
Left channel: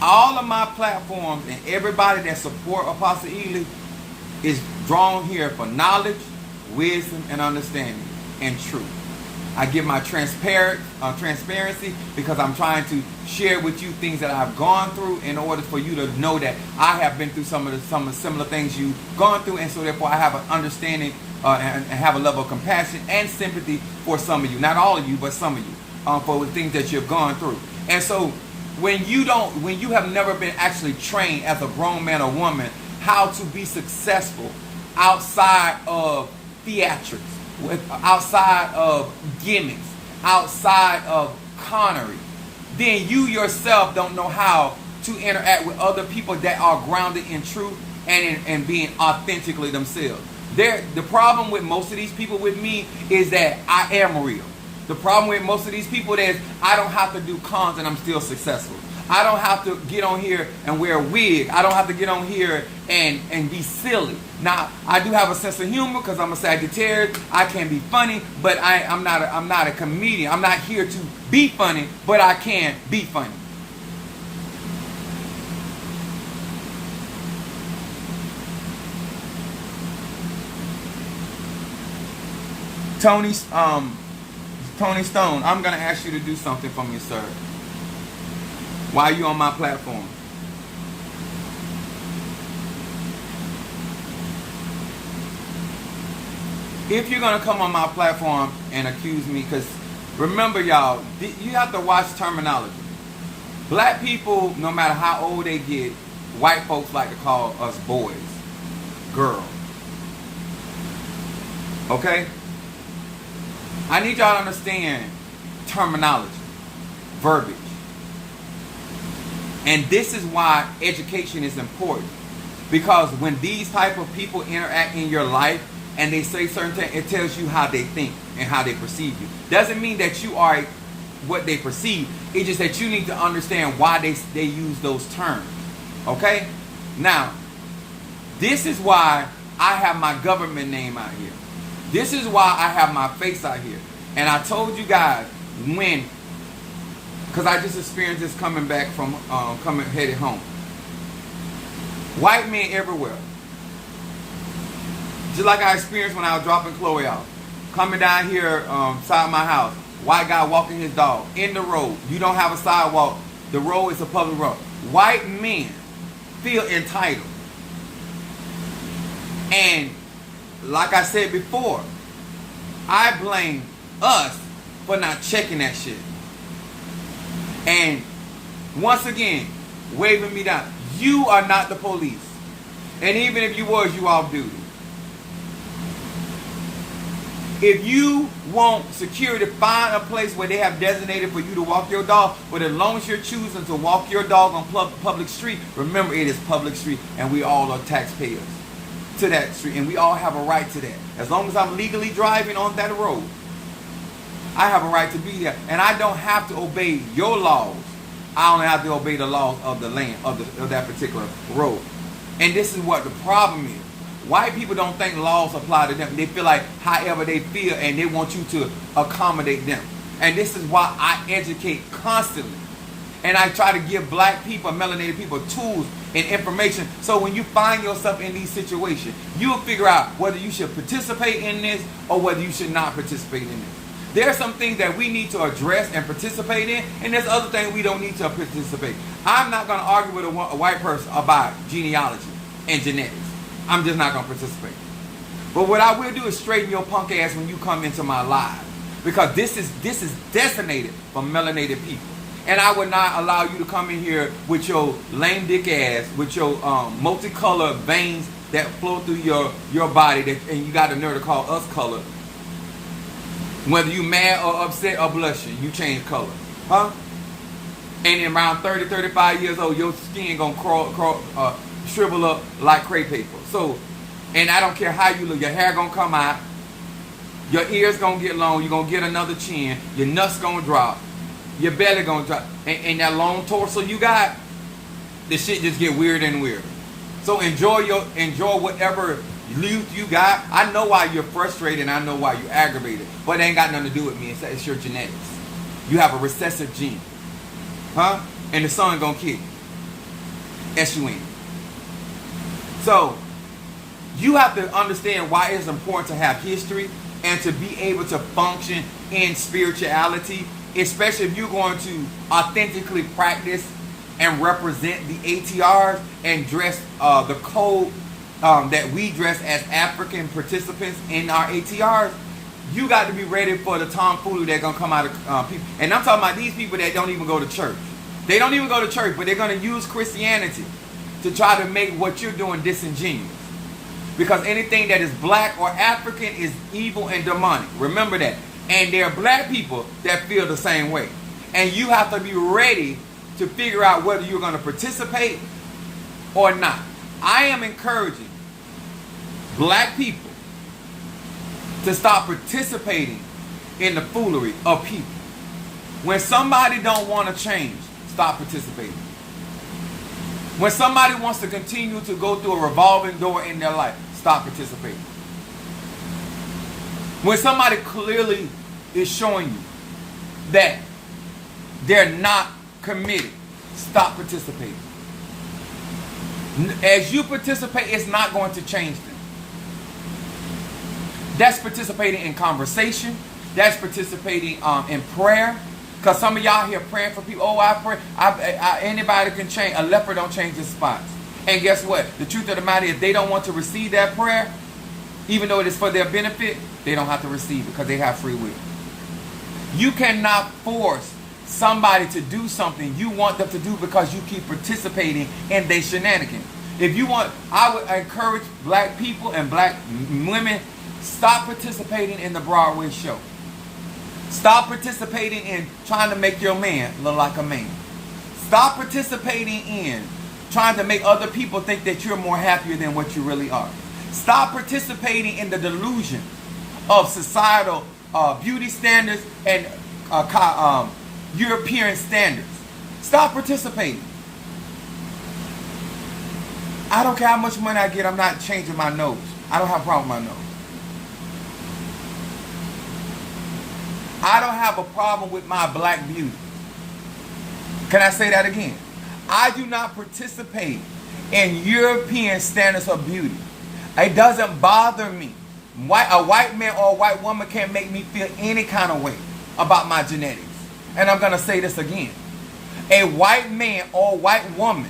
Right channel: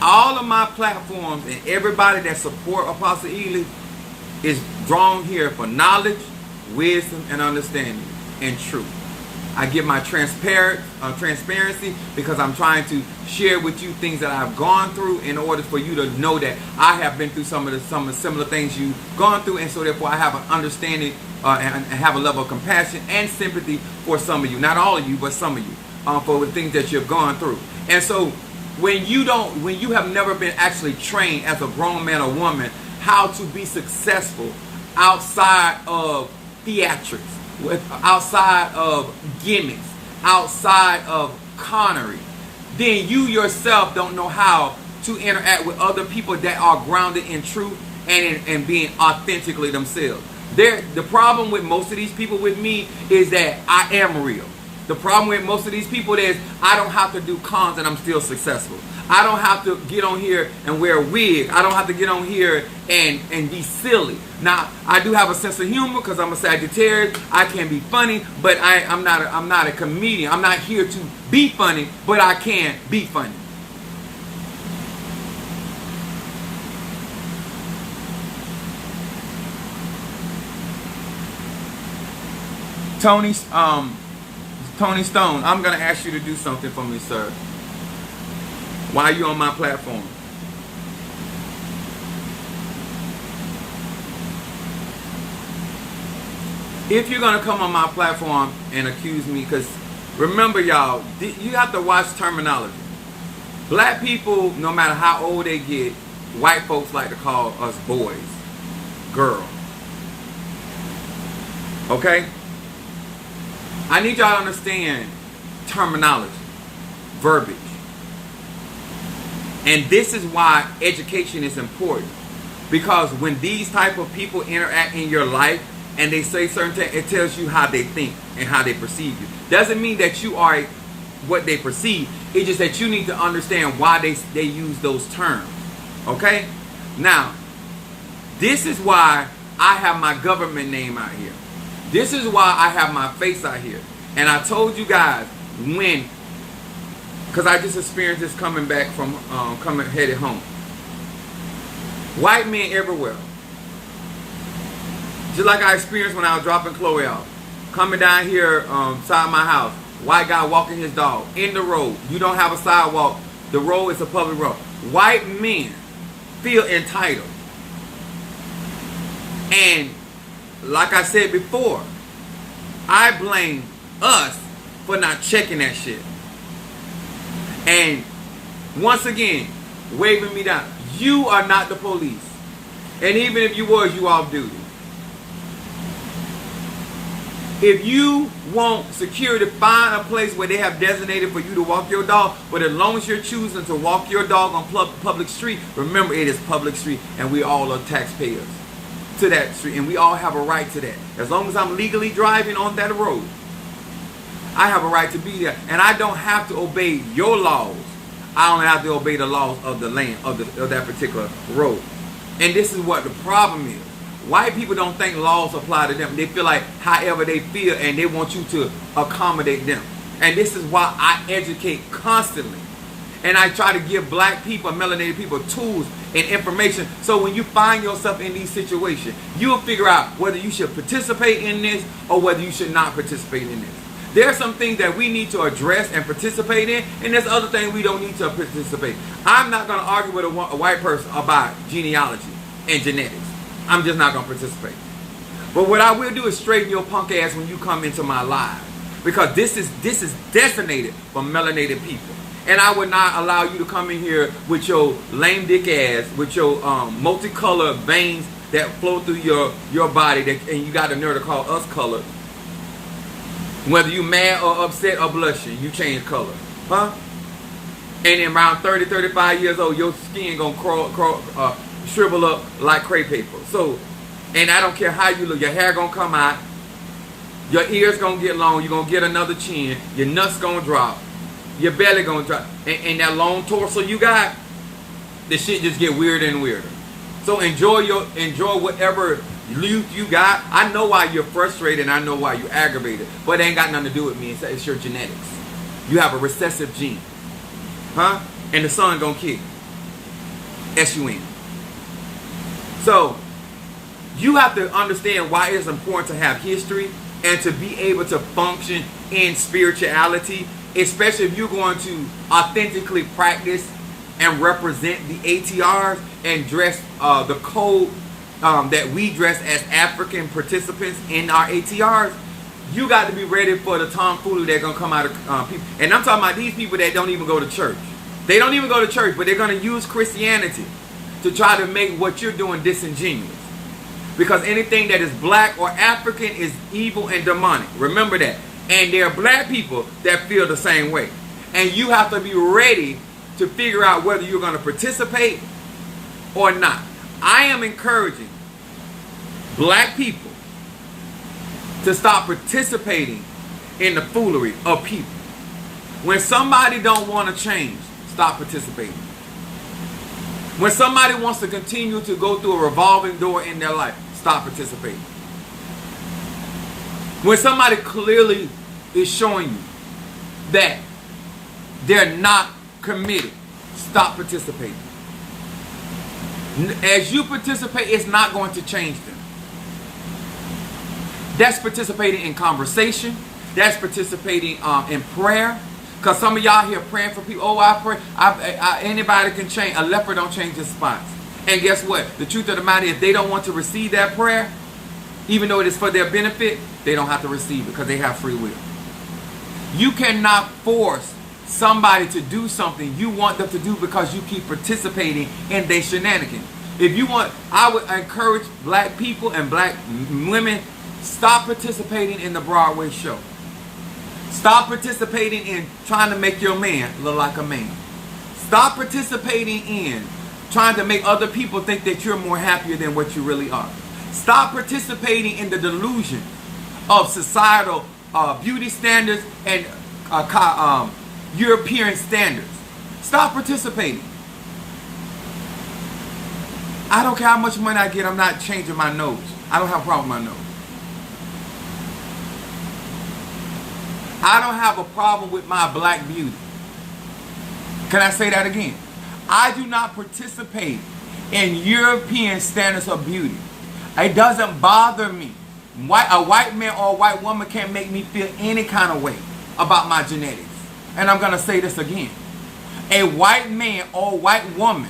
All of my platforms and everybody that support Apostle Ely is drawn here for knowledge, wisdom, and understanding, and truth. I give my transparency because I'm trying to share with you things that I've gone through in order for you to know that I have been through some of the similar things you've gone through, and so therefore I have an understanding and have a level of compassion and sympathy for some of you, not all of you, but some of you, for the things that you've gone through. And so when you have never been actually trained as a grown man or woman how to be successful outside of theatrics, outside of gimmicks, outside of connery, then you yourself don't know how to interact with other people that are grounded in truth and being authentically themselves. The problem with most of these people with me is that I am real. The problem with most of these people is I don't have to do cons and I'm still successful. I don't have to get on here and wear a wig. I don't have to get on here and be silly. Now, I do have a sense of humor because I'm a Sagittarius. I can be funny, but I'm not a comedian. I'm not here to be funny, but I can be funny. Tony Stone, I'm going to ask you to do something for me, sir. Why are you on my platform? If you're going to come on my platform and accuse me, because remember, y'all, you have to watch terminology. Black people, no matter how old they get, white folks like to call us boys, girl. Okay? I need y'all to understand terminology, verbiage. And this is why education is important. Because when these type of people interact in your life and they say certain things, it tells you how they think and how they perceive you. Doesn't mean that you are what they perceive. It's just that you need to understand why they use those terms. Okay? Now, this is why I have my government name out here. This is why I have my face out here. And I told you guys, when because I just experienced this coming back from headed home. White men everywhere. Just like I experienced when I was dropping Chloe off. Coming down here side my house. White guy walking his dog in the road. You don't have a sidewalk. The road is a public road. White men feel entitled. And like I said before, I blame us for not checking that shit. And once again, waving me down. You are not the police. And even if you was, you off duty. If you want security, find a place where they have designated for you to walk your dog. But as long as you're choosing to walk your dog on public street, remember it is public street and we all are taxpayers to that street. And we all have a right to that. As long as I'm legally driving on that road, I have a right to be there. And I don't have to obey your laws. I only have to obey the laws of the land, of that particular road. And this is what the problem is. White people don't think laws apply to them. They feel like however they feel and they want you to accommodate them. And this is why I educate constantly. And I try to give black people, melanated people, tools and information. So when you find yourself in these situations, you'll figure out whether you should participate in this or whether you should not participate in this. There are some things that we need to address and participate in, and there's other things we don't need to participate. I'm not going to argue with a white person about genealogy and genetics. I'm just not going to participate. But what I will do is straighten your punk ass when you come into my live. Because this is designated for melanated people. And I would not allow you to come in here with your lame dick ass, with your multicolored veins that flow through your body, and you got the nerve to call us colored. Whether you mad or upset or blushing, you change color. Huh? And in around 30, 35 years old, your skin gonna shrivel up like crepe paper. So, and I don't care how you look, your hair gonna come out, your ears gonna get long, you're gonna get another chin, your nuts gonna drop, your belly gonna drop, and that long torso you got, the shit just get weirder and weirder. So enjoy whatever youth you got. I know why you're frustrated and I know why you're aggravated, but it ain't got nothing to do with me. It's your genetics. You have a recessive gene. Huh? And the sun gonna kick. S-U-N. So, you have to understand why it's important to have history and to be able to function in spirituality, especially if you're going to authentically practice and represent the ATRs and dress the code that we dress as African participants in our ATRs. You got to be ready for the tomfoolery that's going to come out of people. And I'm talking about these people that don't even go to church. They don't even go to church, but they're going to use Christianity to try to make what you're doing disingenuous. Because anything that is black or African is evil and demonic. Remember that. And there are black people that feel the same way. And you have to be ready to figure out whether you're going to participate or not. I am encouraging black people to stop participating in the foolery of people. When somebody don't want to change, stop participating. When somebody wants to continue to go through a revolving door in their life, stop participating. When somebody clearly is showing you that they're not committed, stop participating. As you participate, it's not going to change them. That's participating in conversation. That's participating in prayer. Because some of y'all here praying for people. Oh, I pray. Anybody can change. A leper don't change his spots. And guess what? The truth of the matter is, if they don't want to receive that prayer, even though it is for their benefit, they don't have to receive it because they have free will. You cannot force somebody to do something you want them to do because you keep participating in their shenanigans. If you want, I would encourage black people and black women, stop participating in the Broadway show. Stop participating in trying to make your man look like a man. Stop participating in trying to make other people think that you're more happier than what you really are. Stop participating in the delusion of societal beauty standards and European standards. Stop participating. I don't care how much money I get, I'm not changing my nose. I don't have a problem with my nose. I don't have a problem with my black beauty. Can I say that again? I do not participate in European standards of beauty. It doesn't bother me. A white man or a white woman can't make me feel any kind of way about my genetics. And I'm going to say this again. A white man or a white woman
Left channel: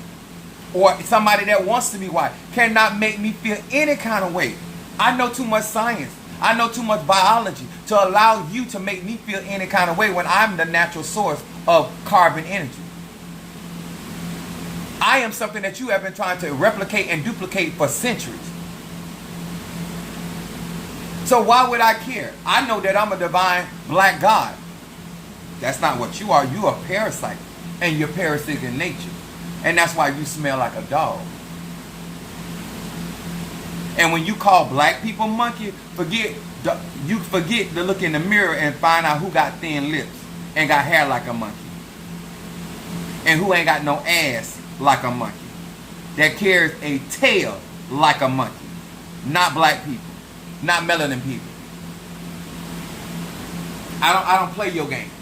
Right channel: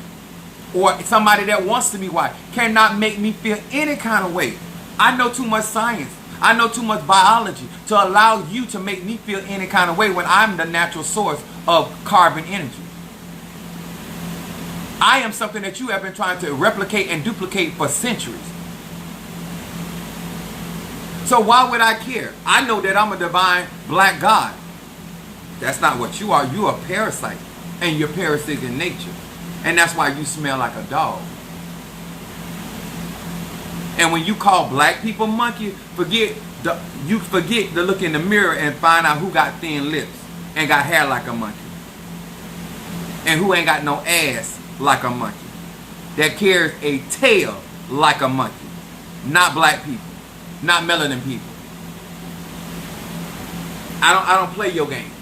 or somebody that wants to be white cannot make me feel any kind of way. I know too much science. I know too much biology to allow you to make me feel any kind of way when I'm the natural source of carbon energy. I am something that you have been trying to replicate and duplicate for centuries. So why would I care? I know that I'm a divine black God. That's not what you are. You're a parasite. And you're parasitic in nature. And that's why you smell like a dog. And when you call black people monkey, you forget to look in the mirror and find out who got thin lips and got hair like a monkey. And who ain't got no ass like a monkey. That carries a tail like a monkey. Not black people. Not melanin people. I don't play your games.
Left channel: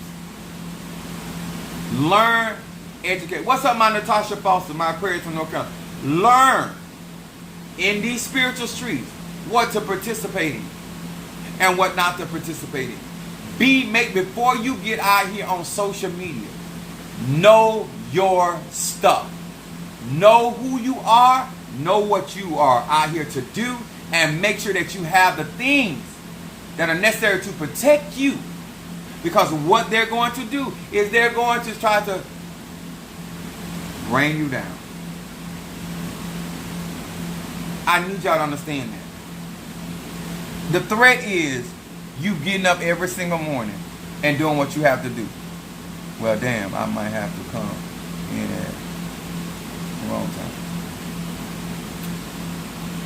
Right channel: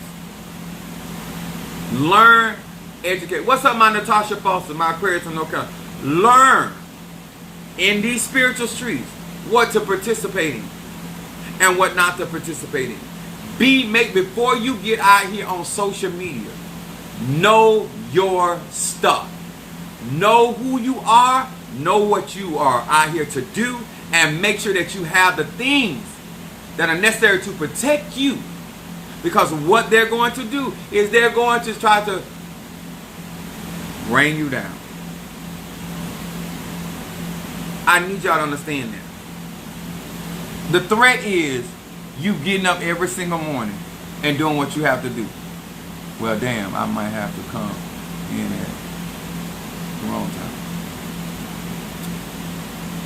Learn, educate. What's up, my Natasha Foster, my Aquarius from North Carolina? Learn in these spiritual streets what to participate in and what not to participate in. Before you get out here on social media, know your stuff. Know who you are, know what you are out here to do, and make sure that you have the things that are necessary to protect you. Because what they're going to do is they're going to try to bring you down. I need y'all to understand that. The threat is you getting up every single morning and doing what you have to do. Well, damn, I might have to come in at the wrong time.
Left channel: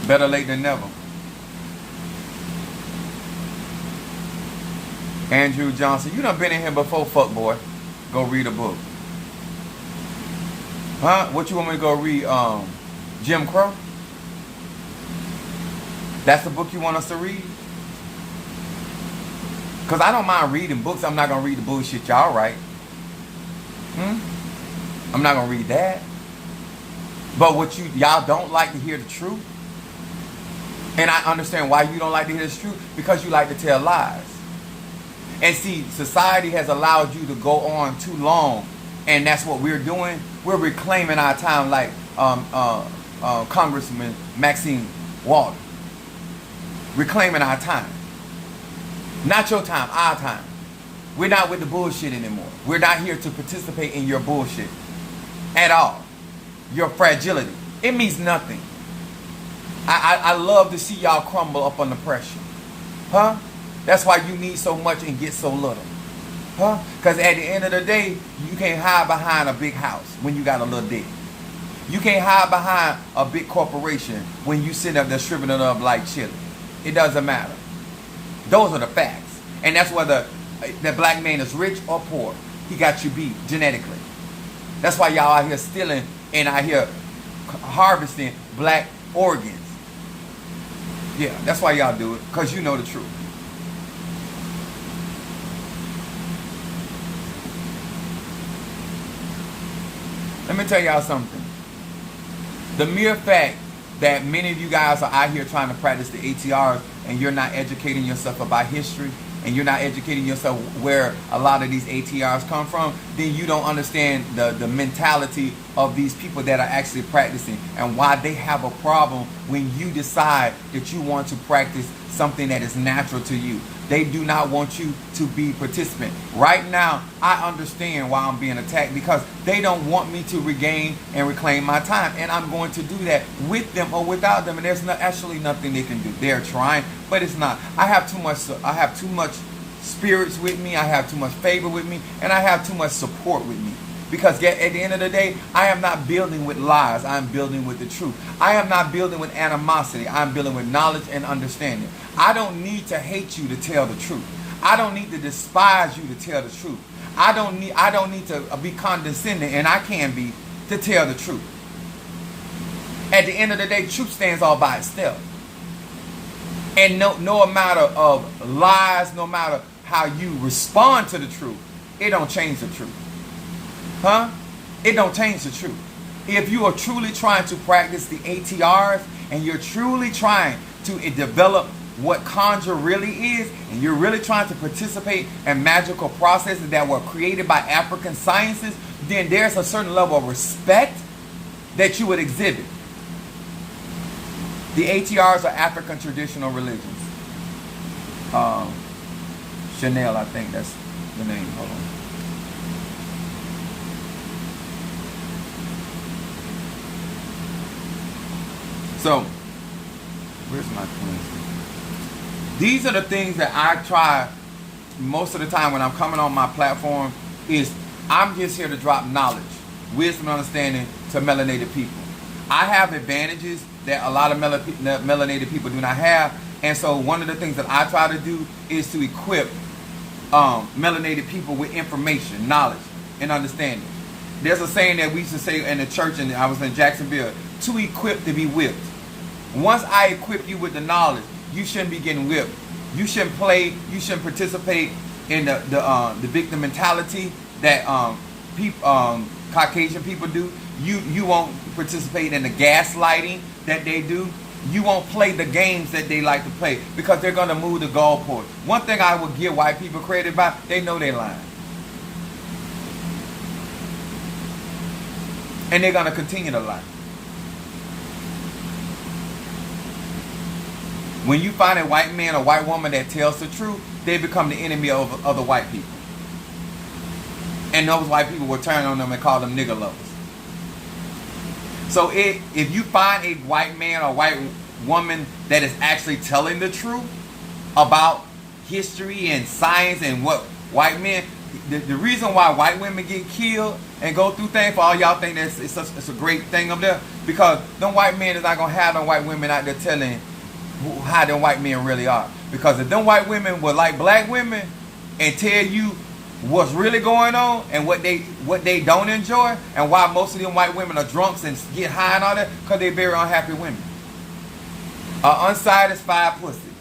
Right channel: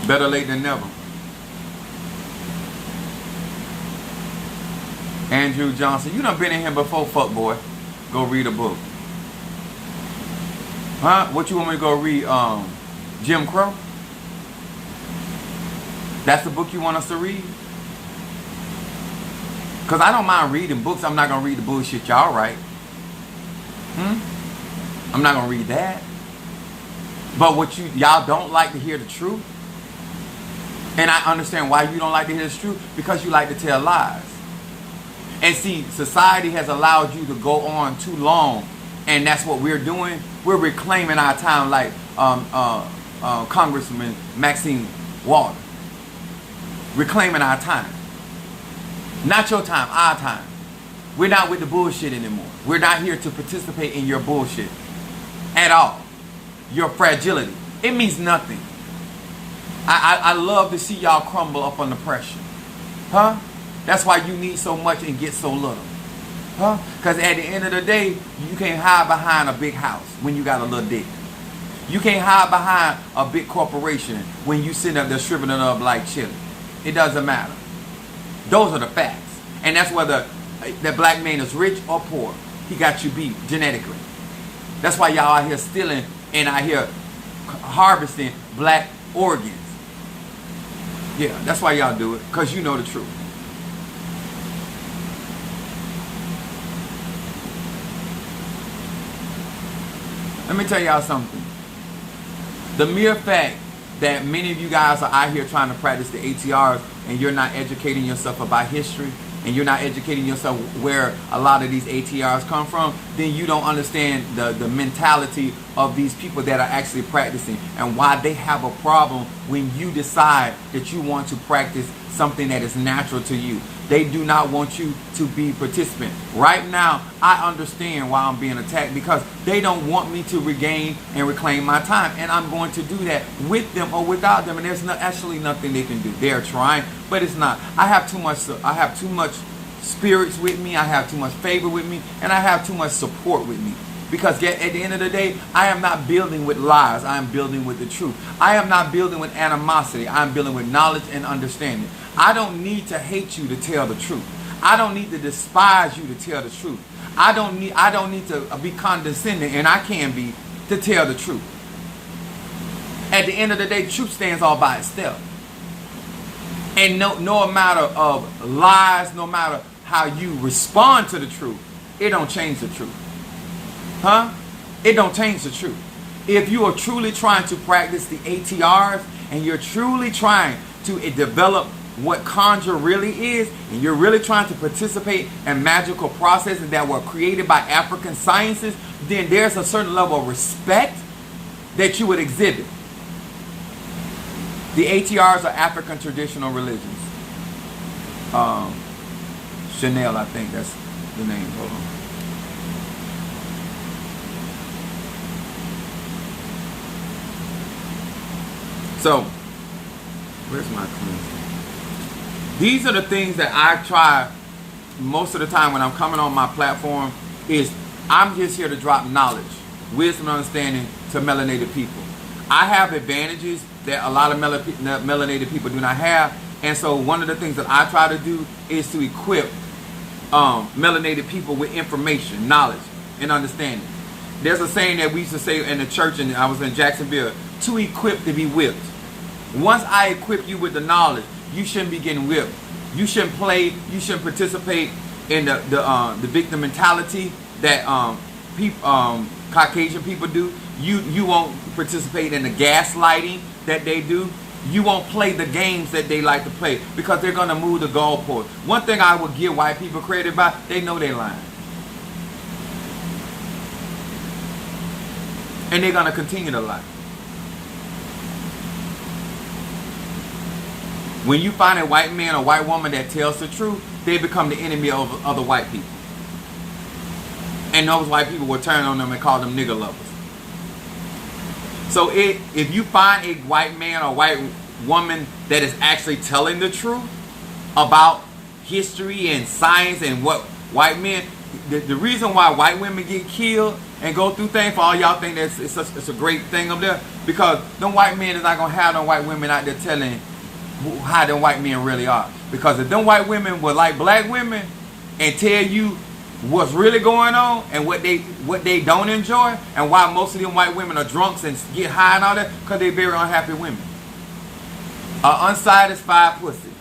Better late than never. Andrew Johnson, you done been in here before, fuck boy. Go read a book. Huh? What you want me to go read? Jim Crow? That's the book you want us to read? Because I don't mind reading books. I'm not going to read the bullshit y'all write. I'm not going to read that. But y'all don't like to hear the truth. And I understand why you don't like to hear the truth. Because you like to tell lies. And see, society has allowed you to go on too long. And that's what we're doing. We're reclaiming our time like Congressman Maxine Walter. Reclaiming our time. Not your time, our time. We're not with the bullshit anymore. We're not here to participate in your bullshit. At all. Your fragility. It means nothing. I love to see y'all crumble up under pressure. Huh? That's why you need so much and get so little. Huh? Because at the end of the day, you can't hide behind a big house when you got a little dick. You can't hide behind a big corporation when you sit up there shriveling up like chili. It doesn't matter. Those are the facts. And that's whether that black man is rich or poor. He got you beat genetically. That's why y'all out here stealing and out here harvesting black organs. Yeah, that's why y'all do it. Because you know the truth. Let me tell y'all something. The mere fact that many of you guys are out here trying to practice the ATRs and you're not educating yourself about history and you're not educating yourself where a lot of these ATRs come from, then you don't understand the mentality of these people that are actually practicing and why they have a problem when you decide that you want to practice something that is natural to you. They do not want you to be participant. Right now, I understand why I'm being attacked because they don't want me to regain and reclaim my time. And I'm going to do that with them or without them. And there's actually nothing they can do. They're trying, but it's not. I have too much spirits with me. I have too much favor with me. And I have too much support with me. Because at the end of the day, I am not building with lies. I am building with the truth. I am not building with animosity. I am building with knowledge and understanding. I don't need to hate you to tell the truth. I don't need to despise you to tell the truth. I don't need to be condescending, and I can be, to tell the truth. At the end of the day, truth stands all by itself. And no matter of lies, no matter how you respond to the truth, it don't change the truth. Huh? it don't change the truth. If you are truly trying to practice the ATRs and you're truly trying to develop what conjure really is, and you're really trying to participate in magical processes that were created by African sciences, then there's a certain level of respect that you would exhibit. The ATRs are African traditional religions. Chanel, I think that's the name. Hold on. So, where's my cleansing? These are the things that I try most of the time when I'm coming on my platform. Is I'm just here to drop knowledge, wisdom, and understanding to melanated people. I have advantages that a lot of melanated people do not have. And so one of the things that I try to do is to equip melanated people with information, knowledge, and understanding. There's a saying that we used to say in the church, and I was in Jacksonville, to equip to be whipped. Once I equip you with the knowledge, you shouldn't be getting whipped. You shouldn't participate in the victim mentality that Caucasian people do. You won't participate in the gaslighting that they do. You won't play the games that they like to play because they're going to move the goalpost. One thing I would give white people credit about, they know they're lying. And they're going to continue to lie. When you find a white man or white woman that tells the truth, they become the enemy of other white people. And those white people will turn on them and call them nigger lovers. So if you find a white man or white woman that is actually telling the truth about history and science and what white men, the reason why white women get killed and go through things, for all y'all think that it's a great thing up there, because them white men is not going to have them white women out there telling how them white men really are. Because if them white women were like black women and tell you what's really going on and what they don't enjoy, and why most of them white women are drunks and get high and all that, because they're very unhappy women. Unsatisfied pussy.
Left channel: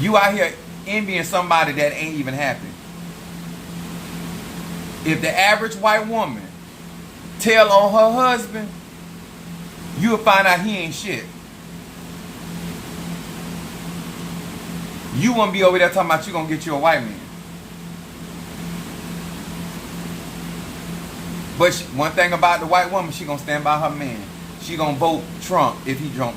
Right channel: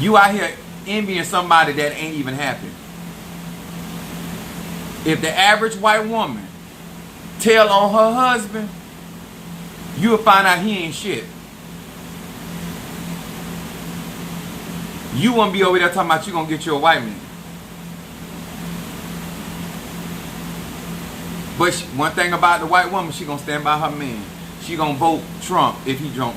You out here envying somebody that ain't even happy. If the average white woman tell on her husband, you'll find out he ain't shit. You won't be over there talking about you gonna get you a white man. But one thing about the white woman, she gonna stand by her man. She gonna vote Trump if he Trump.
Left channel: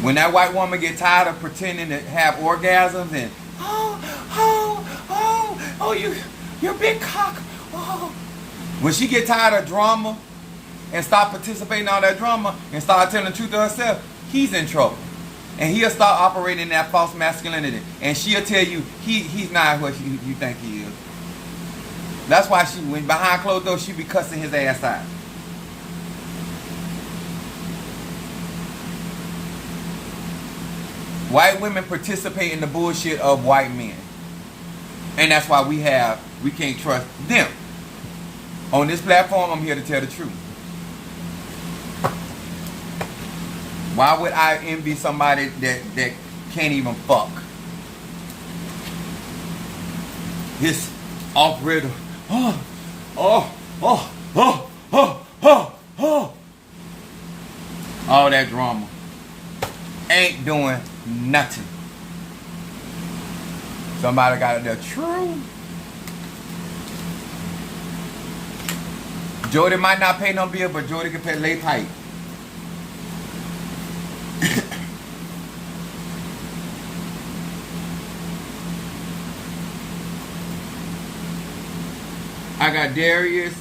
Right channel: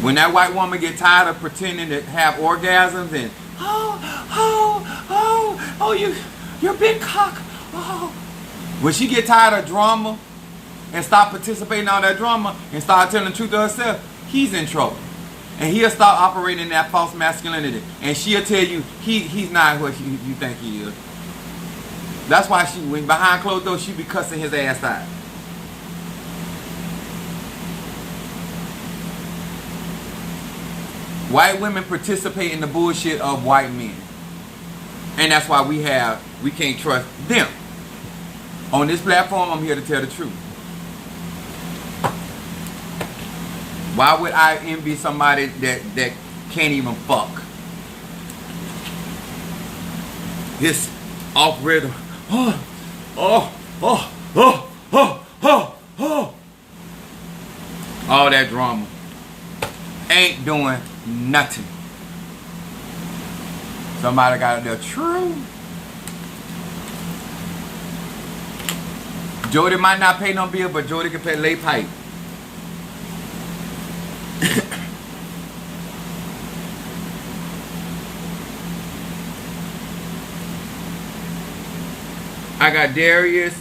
When that white woman get tired of pretending to have orgasms and you're big cock. Oh. When she get tired of drama and stop participating in all that drama and start telling the truth to herself, he's in trouble. And he'll start operating that false masculinity. And she'll tell you he's not what you think he is. That's why when behind closed doors, she be cussing his ass out. White women participate in the bullshit of white men. And that's why we can't trust them. On this platform, I'm here to tell the truth. Why would I envy somebody that can't even fuck? This off rhythm. All that drama ain't doing nothing. Somebody got the truth. Jody might not pay no bill, but Jody can pay lay pipe. I got Darius.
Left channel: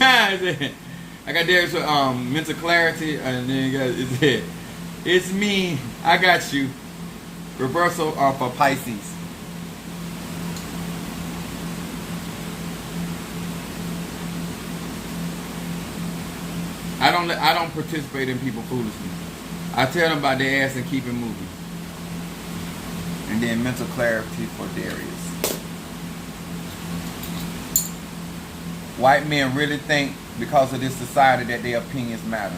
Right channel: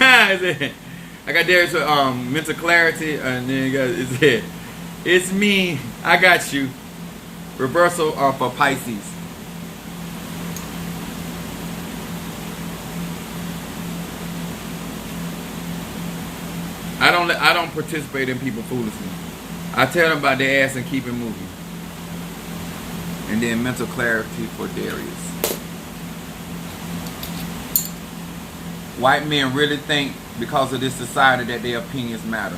I got Darius with mental clarity, and then it's me. I got you. Reversal for Pisces. I don't participate in people foolishly. I tell them about their ass and keep it moving. And then mental clarity for Darius. White men really think because of this society that their opinions matter.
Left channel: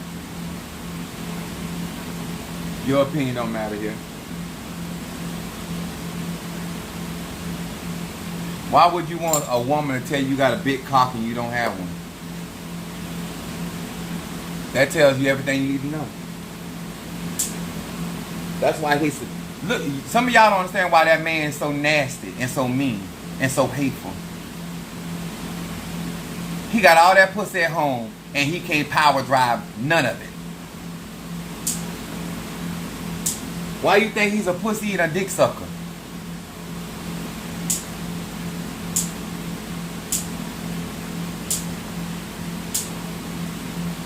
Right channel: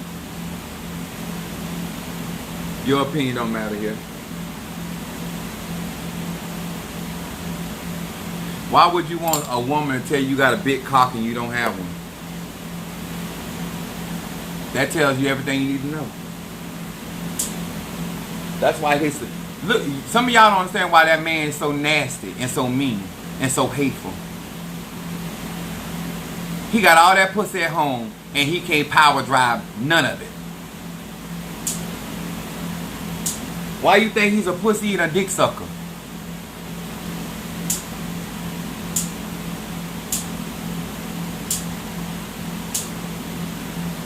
Your opinion don't matter here. Why would you want a woman to tell you got a big cock and you don't have one? That tells you everything you need to know. That's why he's... Look, some of y'all don't understand why that man is so nasty and so mean and so hateful. He got all that pussy at home and he can't power drive none of it. Why you think he's a pussy and a dick sucker?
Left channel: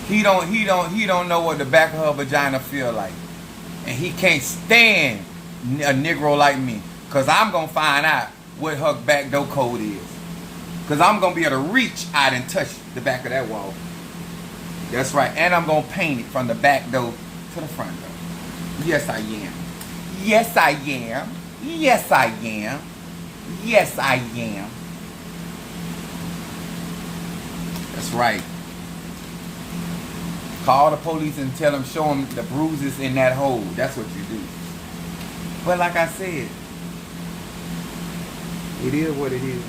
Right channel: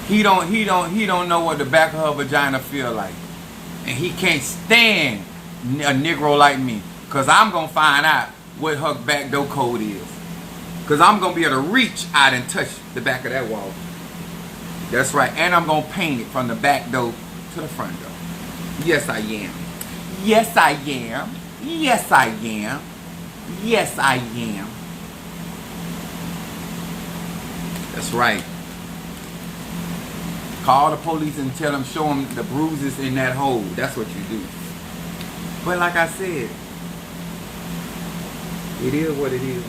He don't know what the back of her vagina feel like. And he can't stand a Negro like me. Because I'm going to find out what her back door code is. Because I'm going to be able to reach out and touch the back of that wall. That's right. And I'm going to paint it from the back door to the front door. Yes, I am. Yes, I am. Yes, I am. Yes, I am. That's right. Call the police and tell them, show them the bruises in that hole. That's what you do. But like I said, it is what it is.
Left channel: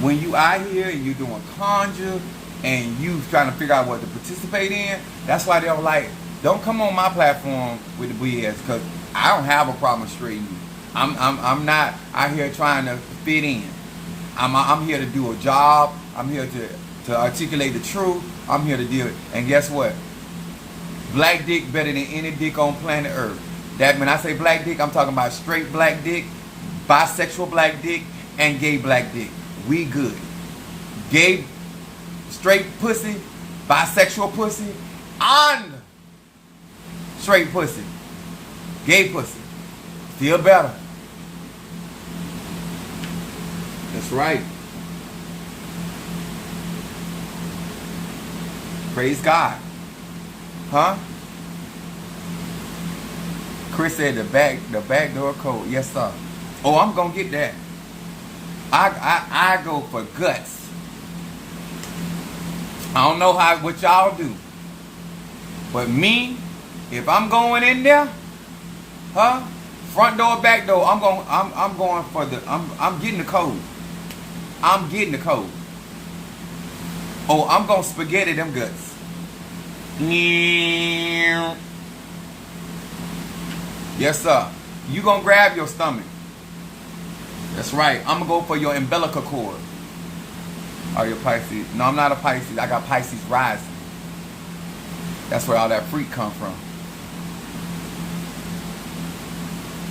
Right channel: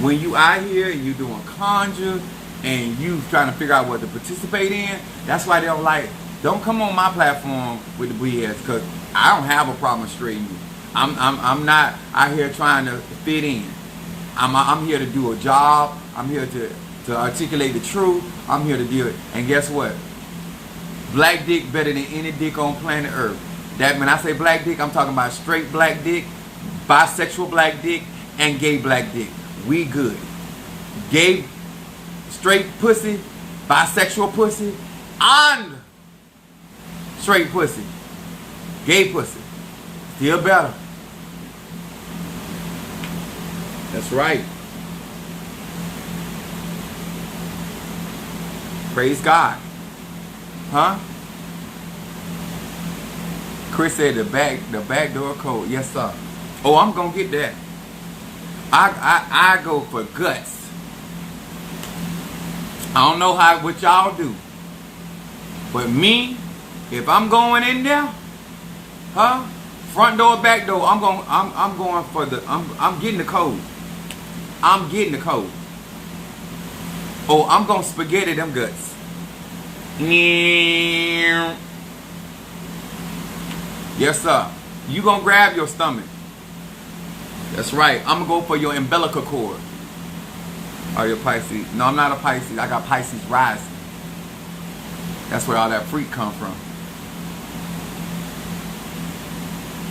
When you out here and you doing conjure and you trying to figure out what to participate in, that's why they don't like, don't come on my platform with the BS, because I don't have a problem straightening you. I'm not out here trying to fit in. I'm here to do a job. I'm here to articulate the truth. I'm here to deal with it. And guess what? Black dick better than any dick on planet Earth. That when I say black dick, I'm talking about straight black dick, bisexual black dick, and gay black dick. We good. Gay, straight pussy, bisexual pussy, and straight pussy. Gay pussy. Still better. That's right. Praise God. Huh? Chris said the back door code. Yes, sir. Oh, I'm gonna get that. I go for guts. I don't know what y'all do. But me, if I'm going in there, huh? Front door, back door, I'm going for the I'm getting the code. I'm getting the code. Oh, I'm gonna spaghetti them guts. Yes, sir. You gonna grab your stomach. That's right. I'm gonna go for your umbilical cord. Are you a Pisces? No, I'm not a Pisces. I got Pisces rising. That's where all that freak come from.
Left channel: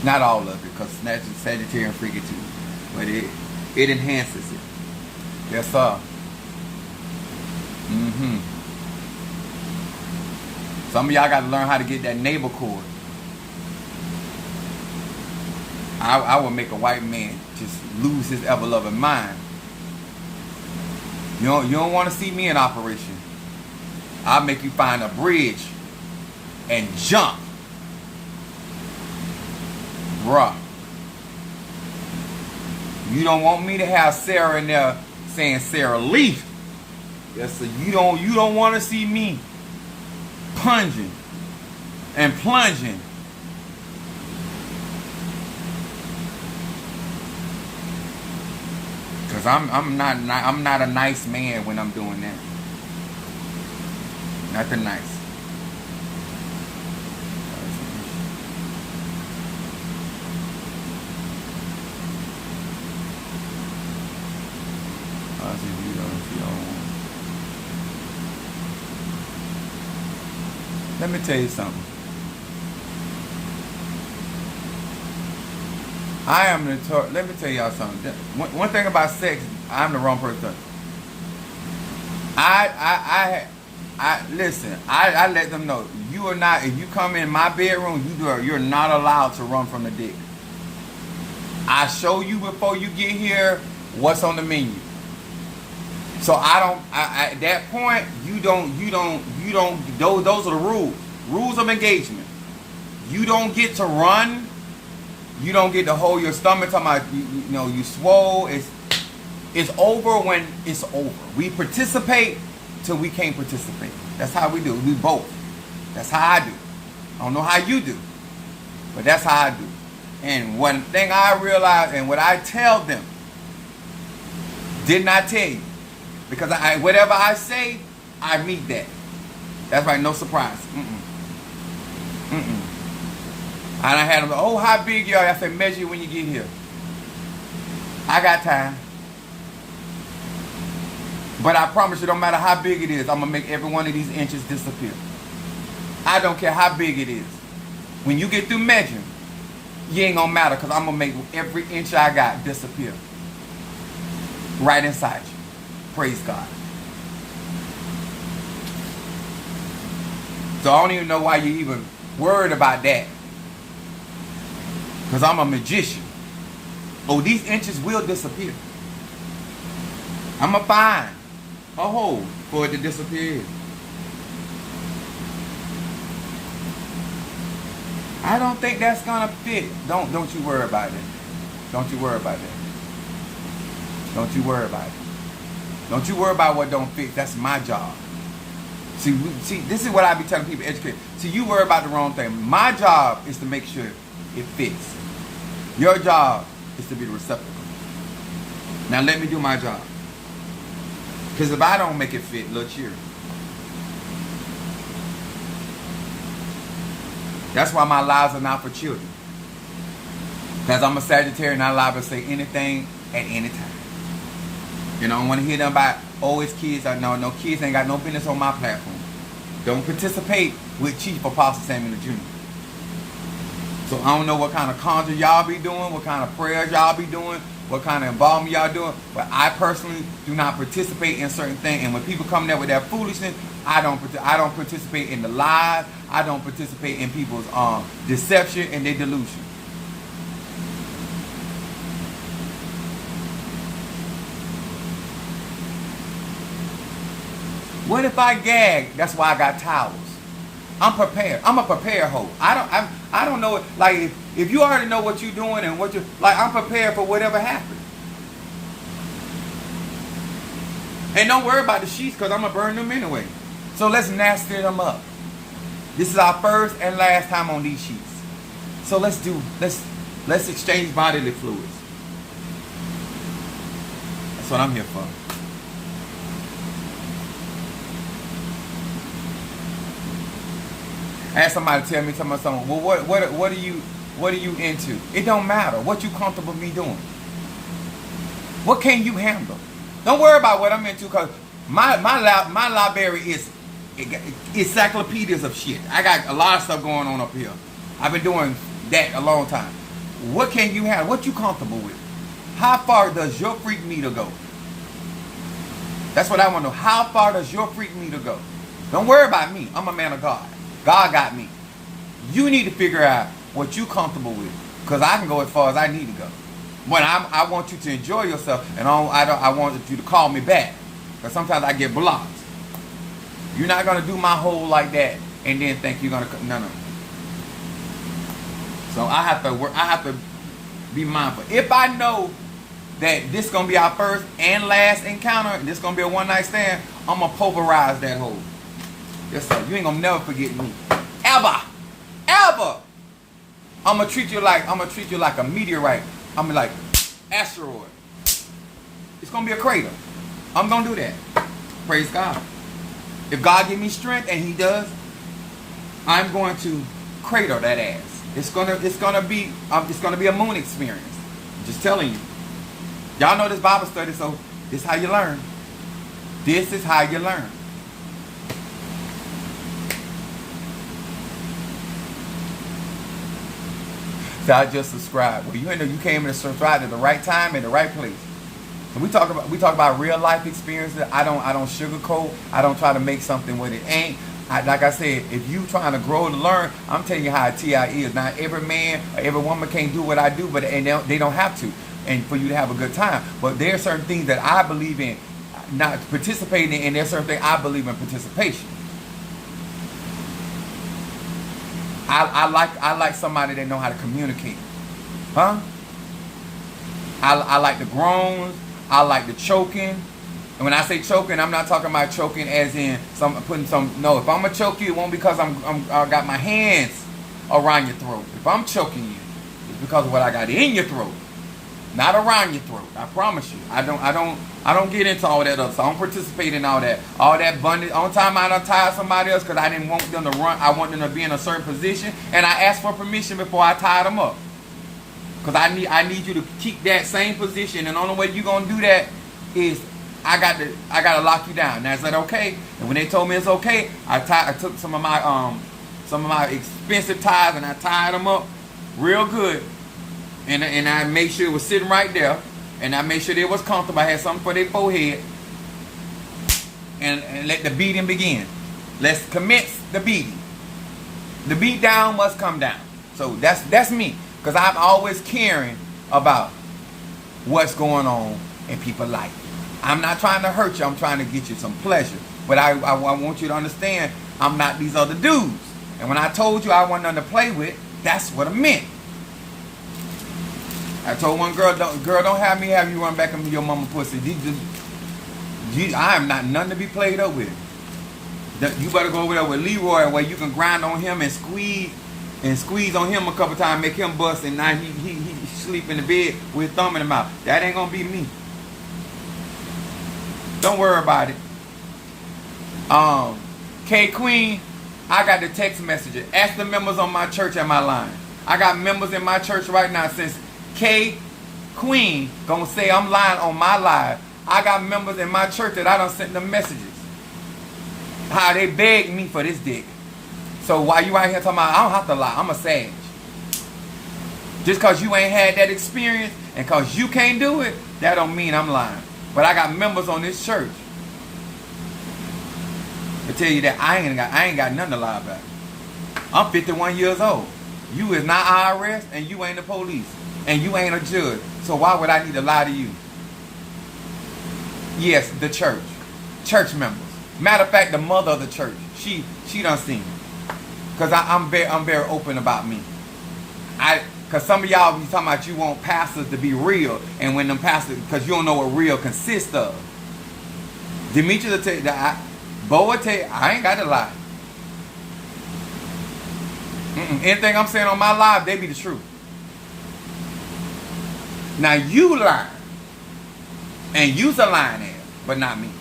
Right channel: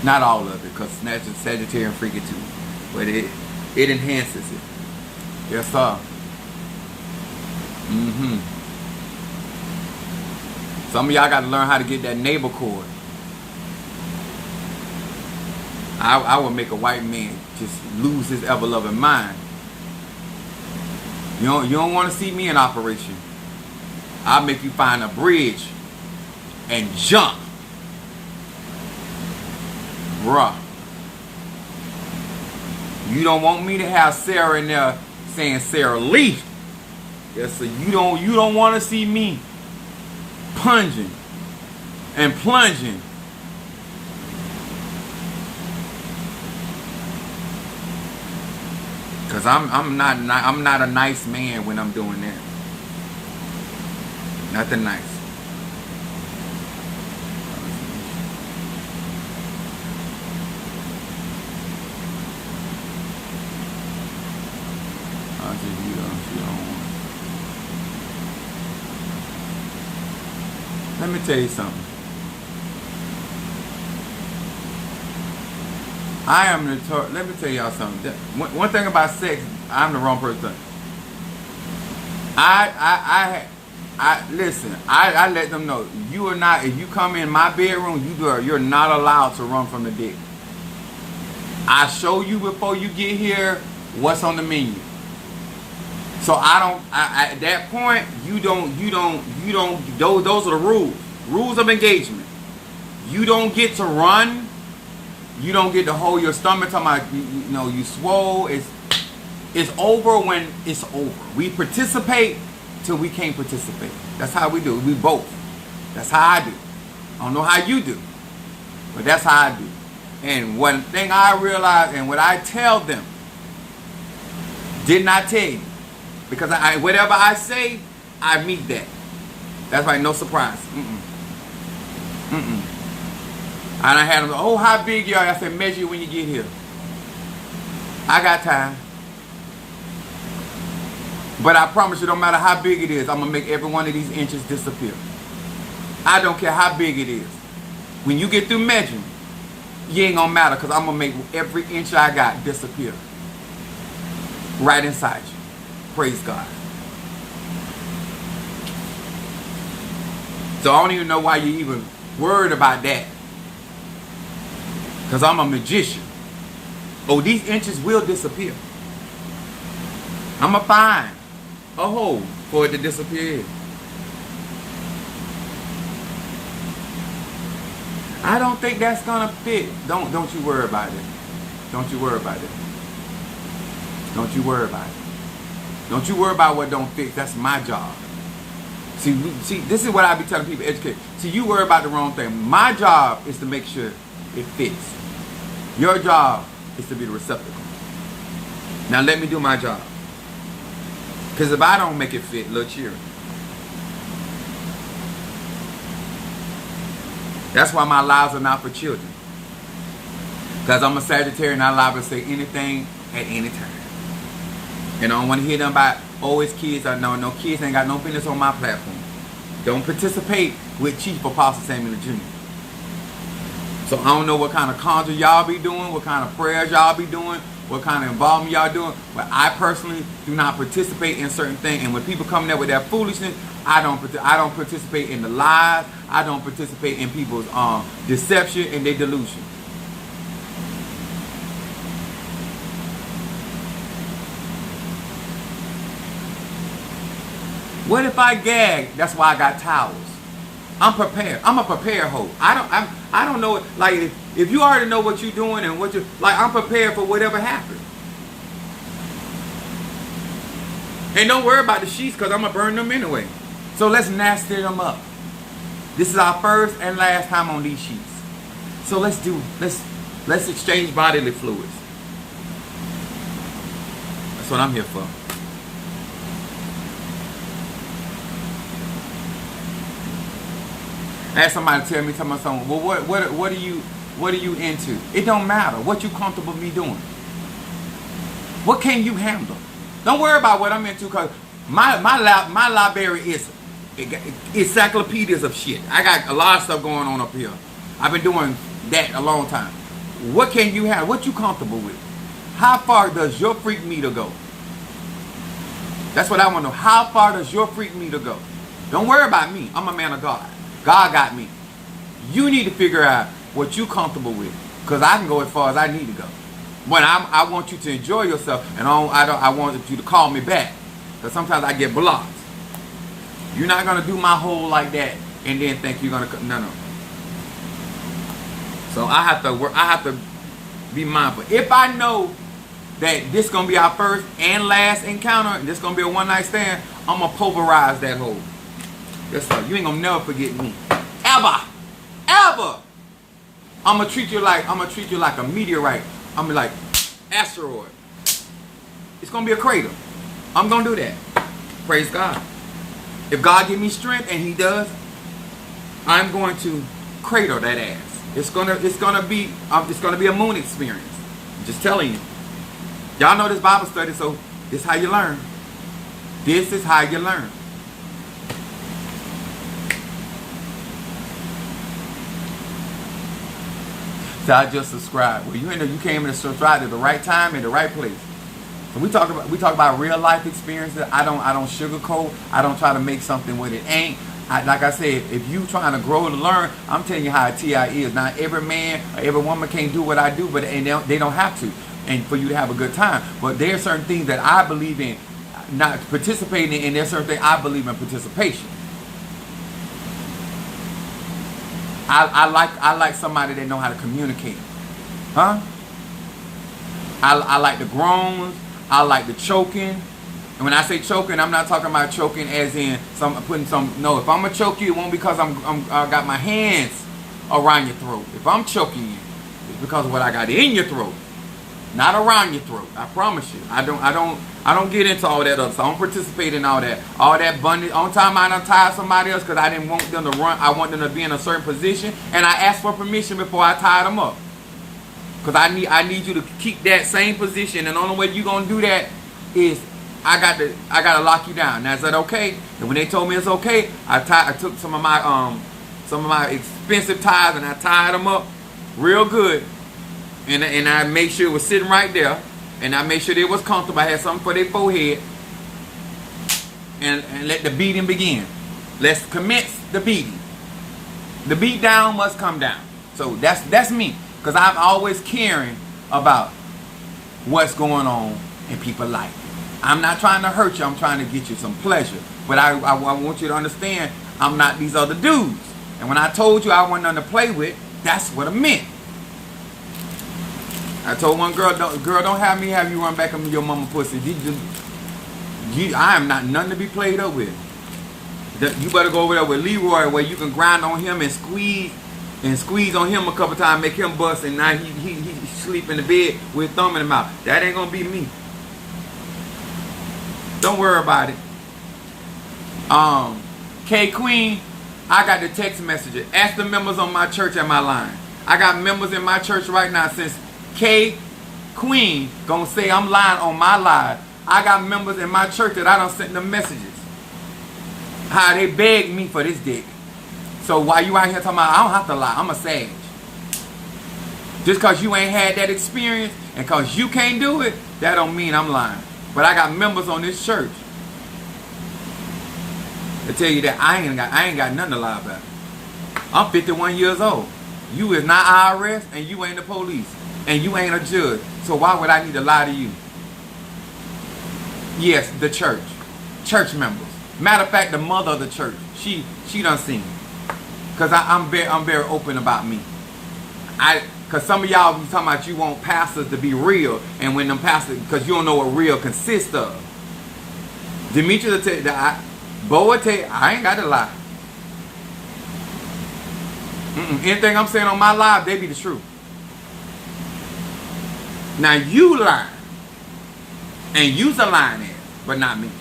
Not all of it, because Sagittarian freaky too. But it enhances it. Yes, sir. Some of y'all got to learn how to get that neighbor cord. I would make a white man just lose his ever-loving mind. You don't want to see me in operation. I'll make you find a bridge and jump. Bruh. You don't want me to have Sarah in there saying Sarah Leaf. Yes, sir. You don't want to see me punging and plunging. Cause I'm not a nice man when I'm doing that. Nothing nice. Let me tell you something. Let me tell y'all something. One thing about sex, I'm the wrong person. Listen, I let them know, you are not, if you come in my bedroom, you're not allowed to run from the dick. I show you before you get here what's on the menu. So at that point, those are the rules. Rules of engagement. You don't get to run. You don't get to hold your stomach talking about, you swole. It's over when it's over. We participate till we can't participate. That's how we do it. We both. That's how I do. I don't know how you do, but that's how I do. And one thing I realized, and what I tell them, did not tell you. Because whatever I say, I meet that. That's right, no surprise. And I had them, oh, how big you are? I said, measure when you get here. I got time. But I promise you, no matter how big it is, I'm going to make every one of these inches disappear. I don't care how big it is. When you get through measuring, you ain't going to matter, because I'm going to make every inch I got disappear. Right inside you. Praise God. So I don't even know why you even worried about that. Because I'm a magician. Oh, these inches will disappear. I'm going to find a hole for it to disappear. I don't think that's going to fit. Don't you worry about it. Don't you worry about it. Don't you worry about it. Don't you worry about what don't fit. That's my job. See, this is what I be telling people, educate. See, you worry about the wrong thing. My job is to make sure it fits. Your job is to be the receptacle. Now let me do my job. Because if I don't make it fit, look here. That's why my lives are not for children. Because I'm a Sagittarius and I'm liable to say anything at any time. And I don't want to hear them about, oh, it's kids. No, kids ain't got no business on my platform. Don't participate with Chief Apostle Samuel Jr. So I don't know what kind of conjure y'all be doing, what kind of prayers y'all be doing, what kind of involvement y'all doing. But I personally do not participate in certain things. And when people come there with their foolishness, I don't participate in the lies. I don't participate in people's deception and their delusion. What if I gag? That's why I got towels. I'm prepared. I'm a prepared hoe. I don't know. Like if you already know what you're doing and what you like, I'm prepared for whatever happens. And don't worry about the sheets, because I'm gonna burn them anyway. So let's nasty them up. This is our first and last time on these sheets. So let's exchange bodily fluids. That's what I'm here for. I had somebody tell me something. Well, what are you into? It don't matter. What you comfortable with me doing? What can you handle? Don't worry about what I'm into, because my library is encyclopedias of shit. I got a lot of stuff going on up here. I've been doing that a long time. What can you handle? What you comfortable with? How far does your freak meter go? That's what I want to know. How far does your freak meter go? Don't worry about me. I'm a man of God. God got me. You need to figure out what you're comfortable with, because I can go as far as I need to go. When I want you to enjoy yourself, and I want you to call me back, because sometimes I get blocked. You're not gonna do my hole like that and then think you're gonna no. So I have to be mindful. If I know that this gonna be our first and last encounter, and this gonna be a one night stand, I'm gonna pulverize that hole. Yes, sir. You ain't gonna never forget me. Ever. I'm gonna treat you like a meteorite. I'm gonna be like asteroid. It's gonna be a crater. I'm gonna do that. Praise God. If God give me strength, and He does, I'm going to crater that ass. It's gonna be a moon experience. I'm just telling you. Y'all know this Bible study, so this is how you learn. This is how you learn. So I just subscribe. Well, you came in to subscribe at the right time and the right place. So we talk about real life experiences. I don't sugarcoat. I don't try to make something what it ain't. Like I said, if you trying to grow and learn, I'm telling you how a TI is. Not every man or every woman can't do what I do, but they don't have to. And for you to have a good time. But there are certain things that I believe in not participating in, and there's certain things I believe in participation. I like somebody that know how to communicate. Huh? I like the groans. I like the choking. And when I say choking, I'm not talking about choking as in putting some. No, if I'm gonna choke you, it won't because I got my hands around your throat. If I'm choking you, because of what I got in your throat, not around your throat. I promise you. I don't get into all that other stuff. I don't participate in all that. All that bondage. On time I done tied somebody else because I didn't want them to run. I want them to be in a certain position, and I asked for permission before I tied them up. Because I need you to keep that same position, and the only way you gonna do that is I gotta lock you down. Now, is that okay? And when they told me it's okay, I took some of my expensive ties and I tied them up real good, and I made sure it was sitting right there, and I made sure they was comfortable. I had something for their forehead, and let the beating begin. Let's commence the beating. The beat down must come down. So that's me, because I'm always caring about what's going on in people's life. I'm not trying to hurt you. I'm trying to get you some pleasure. But I want you to understand, I'm not these other dudes. And when I told you I wasn't nothing to play with, that's what I meant. I told one girl, don't have me have you run back into your mama pussy. I am not nothing to be played up with. You better go over there with Leroy, where you can grind on him and squeeze on him a couple times, make him bust, and now he sleep in the bed with thumb in the mouth. That ain't gonna be me. Don't worry about it. K Queen, I got the text messages. Ask the members on my church and my line. I got members in my church right now. Since K Queen gonna say I'm lying on my live, I got members in my church that I done sent them messages. How they begged me for this dick. So while you out here talking about I don't have to lie, I'm a sage. Just cause you ain't had that experience and cause you can't do it, that don't mean I'm lying. But I got members on this church to tell you that I ain't got nothing to lie about. I'm 51 years old. You is not IRS, and you ain't the police, and you ain't a judge. So why would I need to lie to you? Yes, the church members. Matter of fact, the mother of the church, she done seen me, cause I'm very open about me. Because some of y'all be talking about you want pastors to be real. And when them pastors, because you don't know what real consists of. Demetrius will tell you that. Bo will tell you, I ain't got to lie. Anything I'm saying on my live, they be the truth. Now you lie. And you's a lying ass, but not me.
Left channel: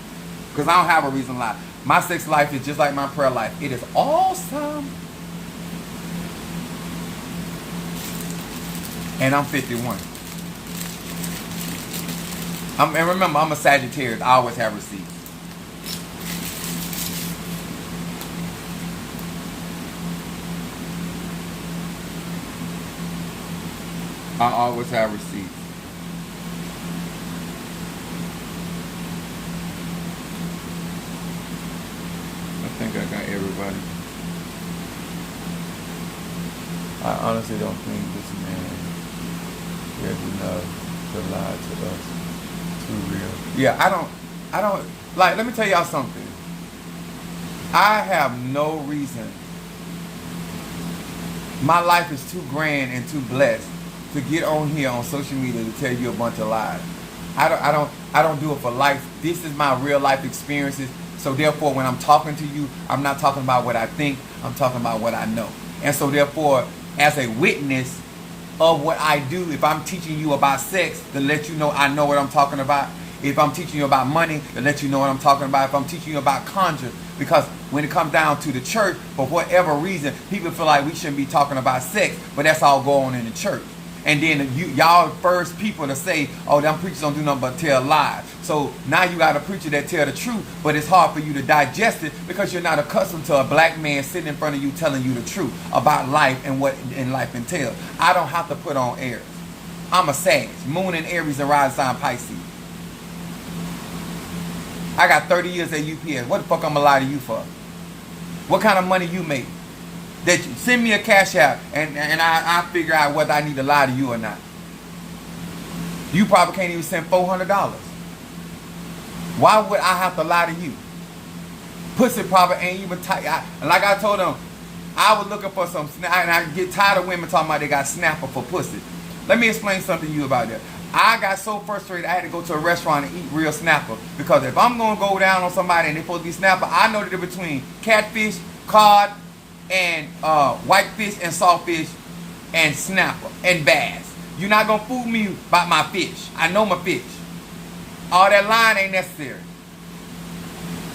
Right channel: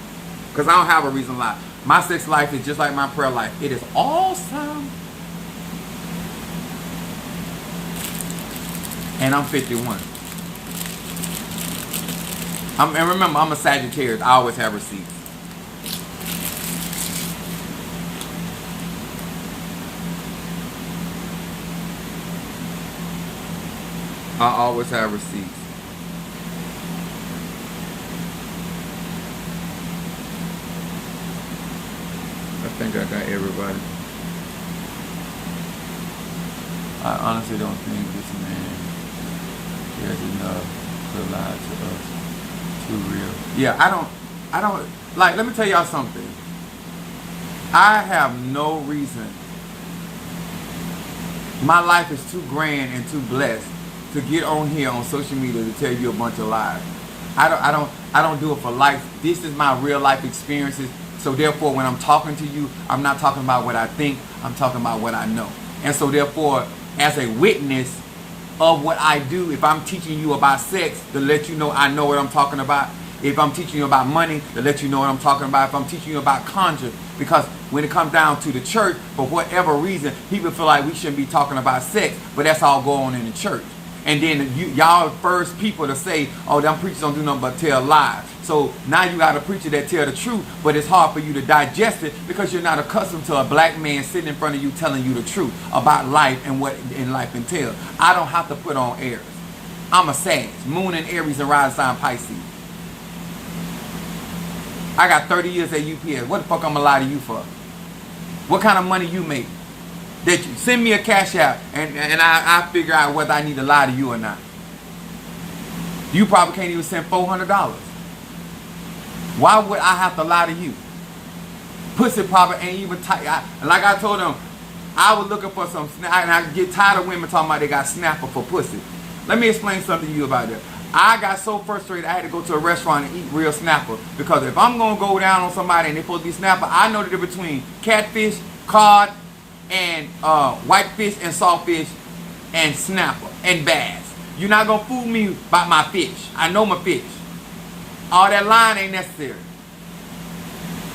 Because I don't have a reason to lie. My sex life is just like my prayer life. It is awesome. And I'm 51. And remember, I'm a Sagittarius. I always have receipts. I always have receipts. I think I got everybody. I honestly don't think this man cares enough to lie to us. Too real. Yeah, I don't like, let me tell y'all something. I have no reason. My life is too grand and too blessed to get on here on social media to tell you a bunch of lies. I don't do it for life. This is my real life experiences. So therefore, when I'm talking to you, I'm not talking about what I think. I'm talking about what I know. And so therefore, as a witness of what I do, if I'm teaching you about sex, to let you know I know what I'm talking about. If I'm teaching you about money, to let you know what I'm talking about. If I'm teaching you about conjure, because when it comes down to the church, for whatever reason, people feel like we shouldn't be talking about sex, but that's all going on in the church. And then y'all first people to say, oh, them preachers don't do nothing but tell lies. So now you got a preacher that tell the truth, but it's hard for you to digest it because you're not accustomed to a black man sitting in front of you telling you the truth about life and what in life entails. I don't have to put on airs. I'm a Sag, Moon and Aries and rising sign Pisces. I got 30 years at UPS. What the fuck I'm gonna lie to you for? What kind of money you make? That you send me a cash app and I figure out whether I need to lie to you or not. You probably can't even send $400. Why would I have to lie to you? Pussy probably ain't even tight. Like I told them, I was looking for some snap, and I get tired of women talking about they got snapper for pussy. Let me explain something to you about that. I got so frustrated I had to go to a restaurant and eat real snapper, because if I'm going to go down on somebody and they're supposed to be snapper, I know the difference between catfish, cod, and whitefish and saltfish and snapper and bass. You're not going to fool me about my fish. I know my fish. All that line ain't necessary.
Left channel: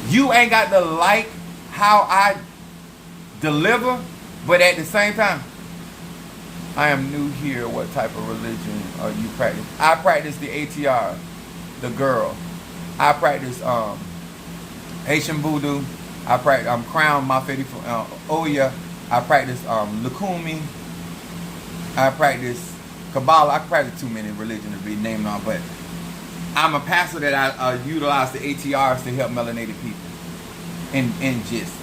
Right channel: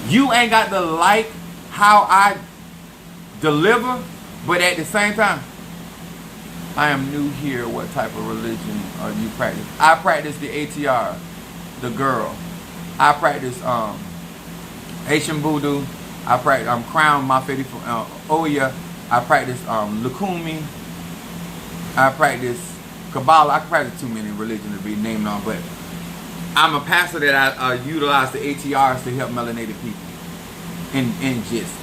You ain't got to like how I deliver, but at the same time, I am new here. What type of religion you practice? I practice the ATR, the girl. I practice Haitian Voodoo. I practice Crown Mafedi from Oya. I practice Lukumi. I practice Kabbalah. I practice too many religions to be named on, but I'm a pastor that I utilize the ATRs to help melanated people in gist.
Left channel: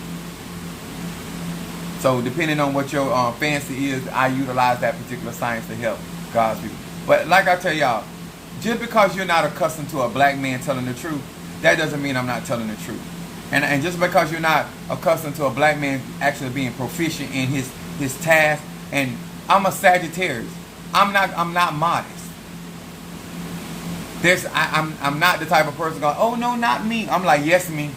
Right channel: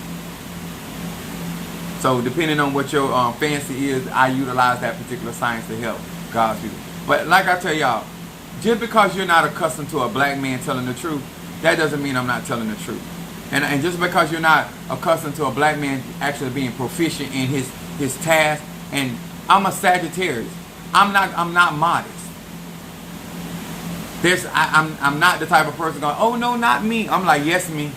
So depending on what your fancy is, I utilize that particular science to help God's people. But like I tell y'all, just because you're not accustomed to a black man telling the truth, that doesn't mean I'm not telling the truth. And just because you're not accustomed to a black man actually being proficient in his task, and I'm a Sagittarius, I'm not modest. I'm not the type of person going, oh no, not me. I'm like, yes, me.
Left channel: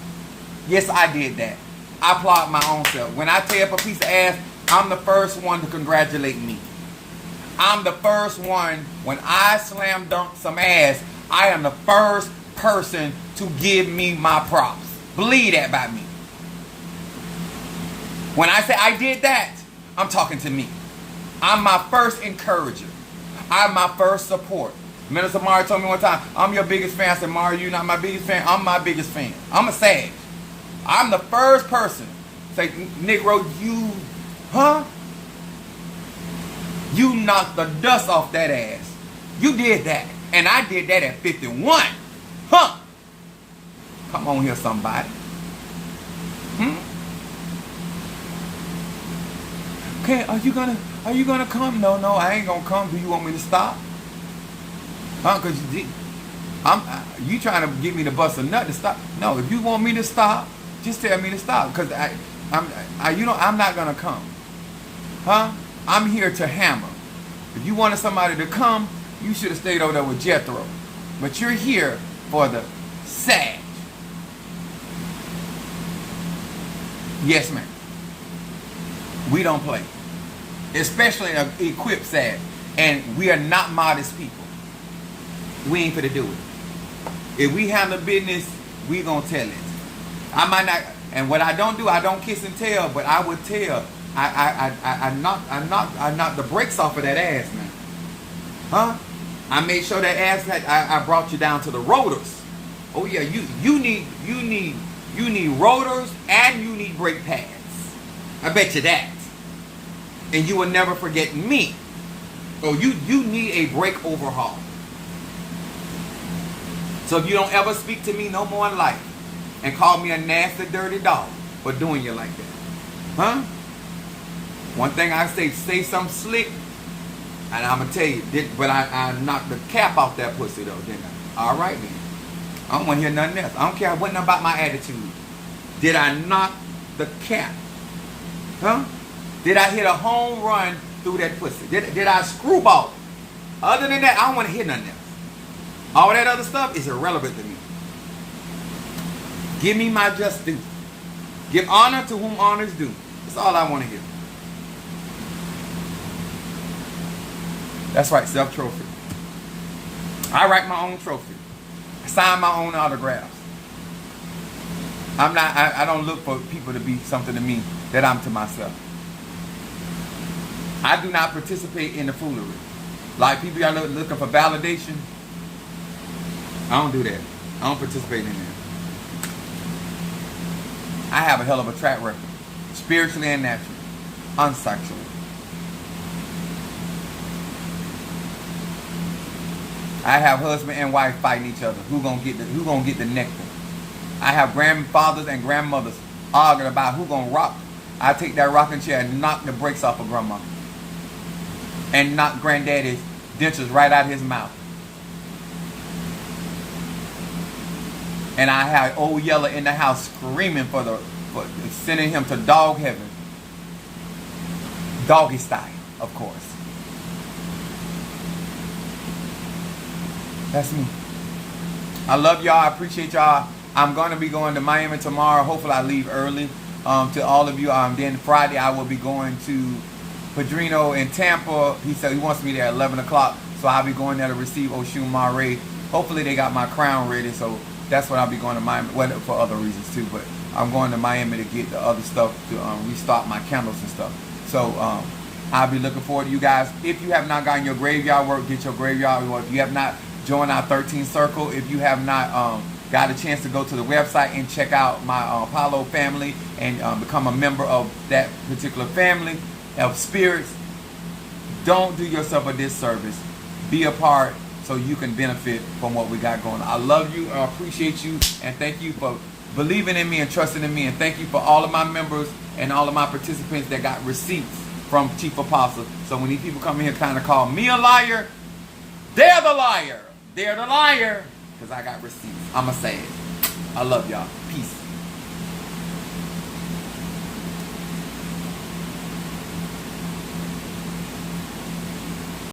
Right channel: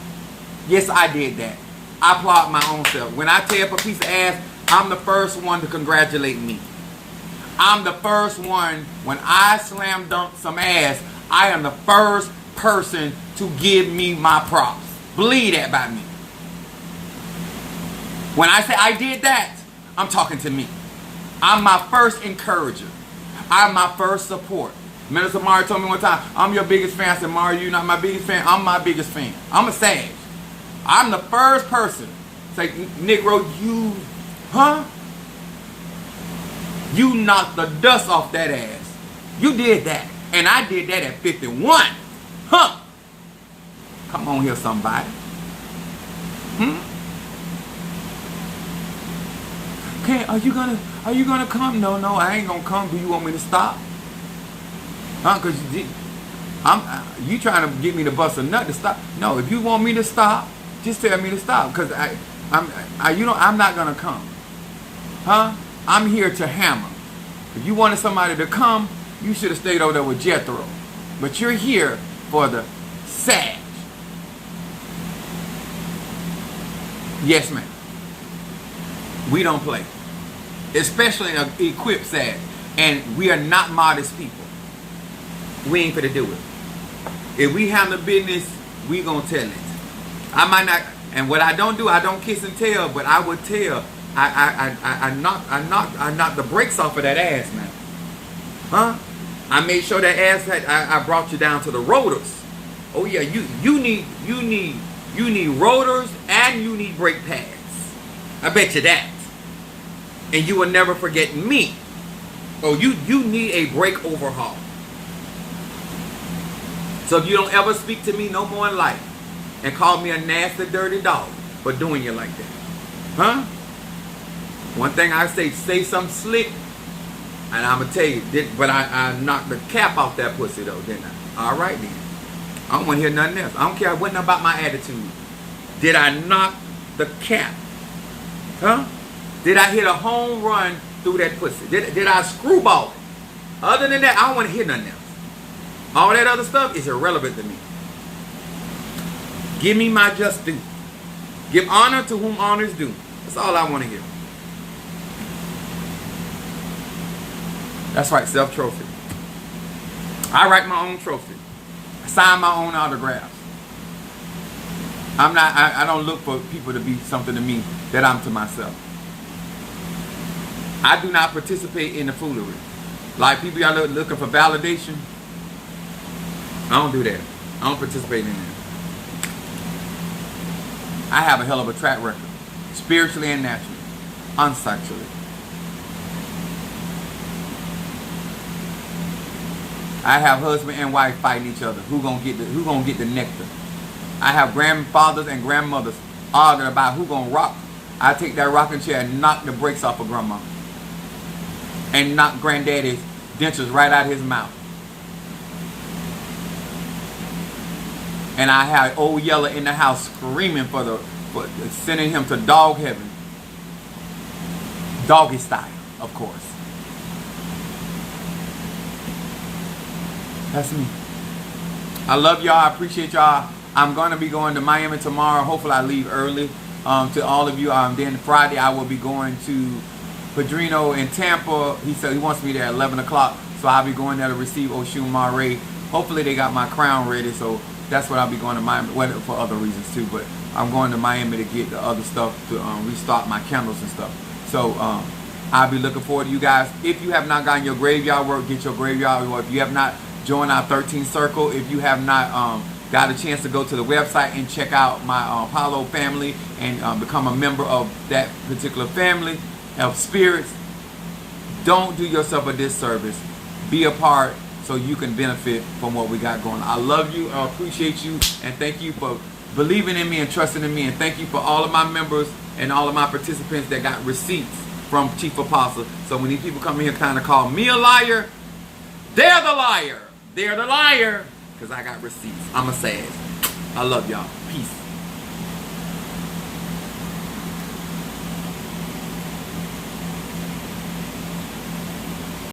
Yes, I did that. I applaud my own self. When I tear up a piece of ass, I'm the first one to congratulate me. I'm the first one, when I slam dunk some ass, I am the first person to give me my props. Believe that about me. When I say I did that, I'm talking to me. I'm my first encourager. I'm my first support. Minister Mario told me one time, I'm your biggest fan. I said, Mario, you're not my biggest fan. I'm my biggest fan. I'm a Sag. I'm the first person. Say, Negro, you, huh? You knocked the dust off that ass. You did that. And I did that at 51. Huh? Come on here, somebody. Okay, are you gonna come? No, I ain't gonna come. Do you want me to stop? Huh? Cause you trying to get me to bust a nut to stop? No, if you want me to stop, just tell me to stop. Cause I'm not gonna come. Huh? I'm here to hammer. If you wanted somebody to come, you should have stayed over there with Jethro. But you're here for the Sag. Yes, ma'am. We don't play. Especially an equipped Sag. And we are not modest people. We ain't finna do it. If we handle business, we gonna tell it. I might not, and what I don't do, I don't kiss and tell, but I would tell. I knocked the brakes off of that ass, man. Huh? I made sure that ass I brought you down to the rotors. Oh yeah, you need rotors and you need brake pads. I bet you that. And you will never forget me. Oh, you need a brake overhaul. So if you don't ever speak to me no more in life and call me a nasty, dirty dog for doing you like that. Huh? One thing I say something slick, and I'm going to tell you, but I knocked the cap off that pussy though, didn't I? All right then. I don't want to hear nothing else. I don't care what about my attitude. Did I knock the cap? Huh? Did I hit a home run through that pussy? Did I screwball it? Other than that, I don't want to hear nothing else. All that other stuff is irrelevant to me. Give me my just due. Give honor to whom honor is due. That's all I want to hear. That's right, self-trophy. I write my own trophy. I sign my own autographs. I don't look for people to be something to me that I'm to myself. I do not participate in the foolery. Like people are looking for validation. I don't do that. I don't participate in that. I have a hell of a track record. Spiritually and naturally. Unsexually. I have husband and wife fighting each other. Who gonna get the nectar? I have grandfathers and grandmothers arguing about who gonna rock. I take that rocking chair and knock the brakes off of grandma. And knock granddaddy's dentures right out of his mouth. And I have old Yeller in the house screaming for sending him to dog heaven. Doggy style, of course. That's me. I love y'all. I appreciate y'all. I'm going to be going to Miami tomorrow. Hopefully I leave early. To all of you, then Friday I will be going to Padrino in Tampa. He said he wants me there at 11 o'clock. So I'll be going there to receive Oshun Mare. Hopefully they got my crown ready. So that's what I'll be going to Miami. Well, for other reasons too. But I'm going to Miami to get the other stuff to restock my candles and stuff. So I'll be looking forward to you guys. If you have not gotten your graveyard work, get your graveyard work. If you have not joined our 13 Circle, if you have not got a chance to go to the website and check out my Apollo family and become a member of that particular family of spirits, don't do yourself a disservice. Be a part so you can benefit from what we got going on. I love you. I appreciate you. And thank you for believing in me and trusting in me. And thank you for all of my members and all of my participants that got receipts from Chief Apostle. So when these people come in here trying to call me a liar, they're the liar. They're the liar. Because I got receipts. I'm going to say it. I love y'all. Peace.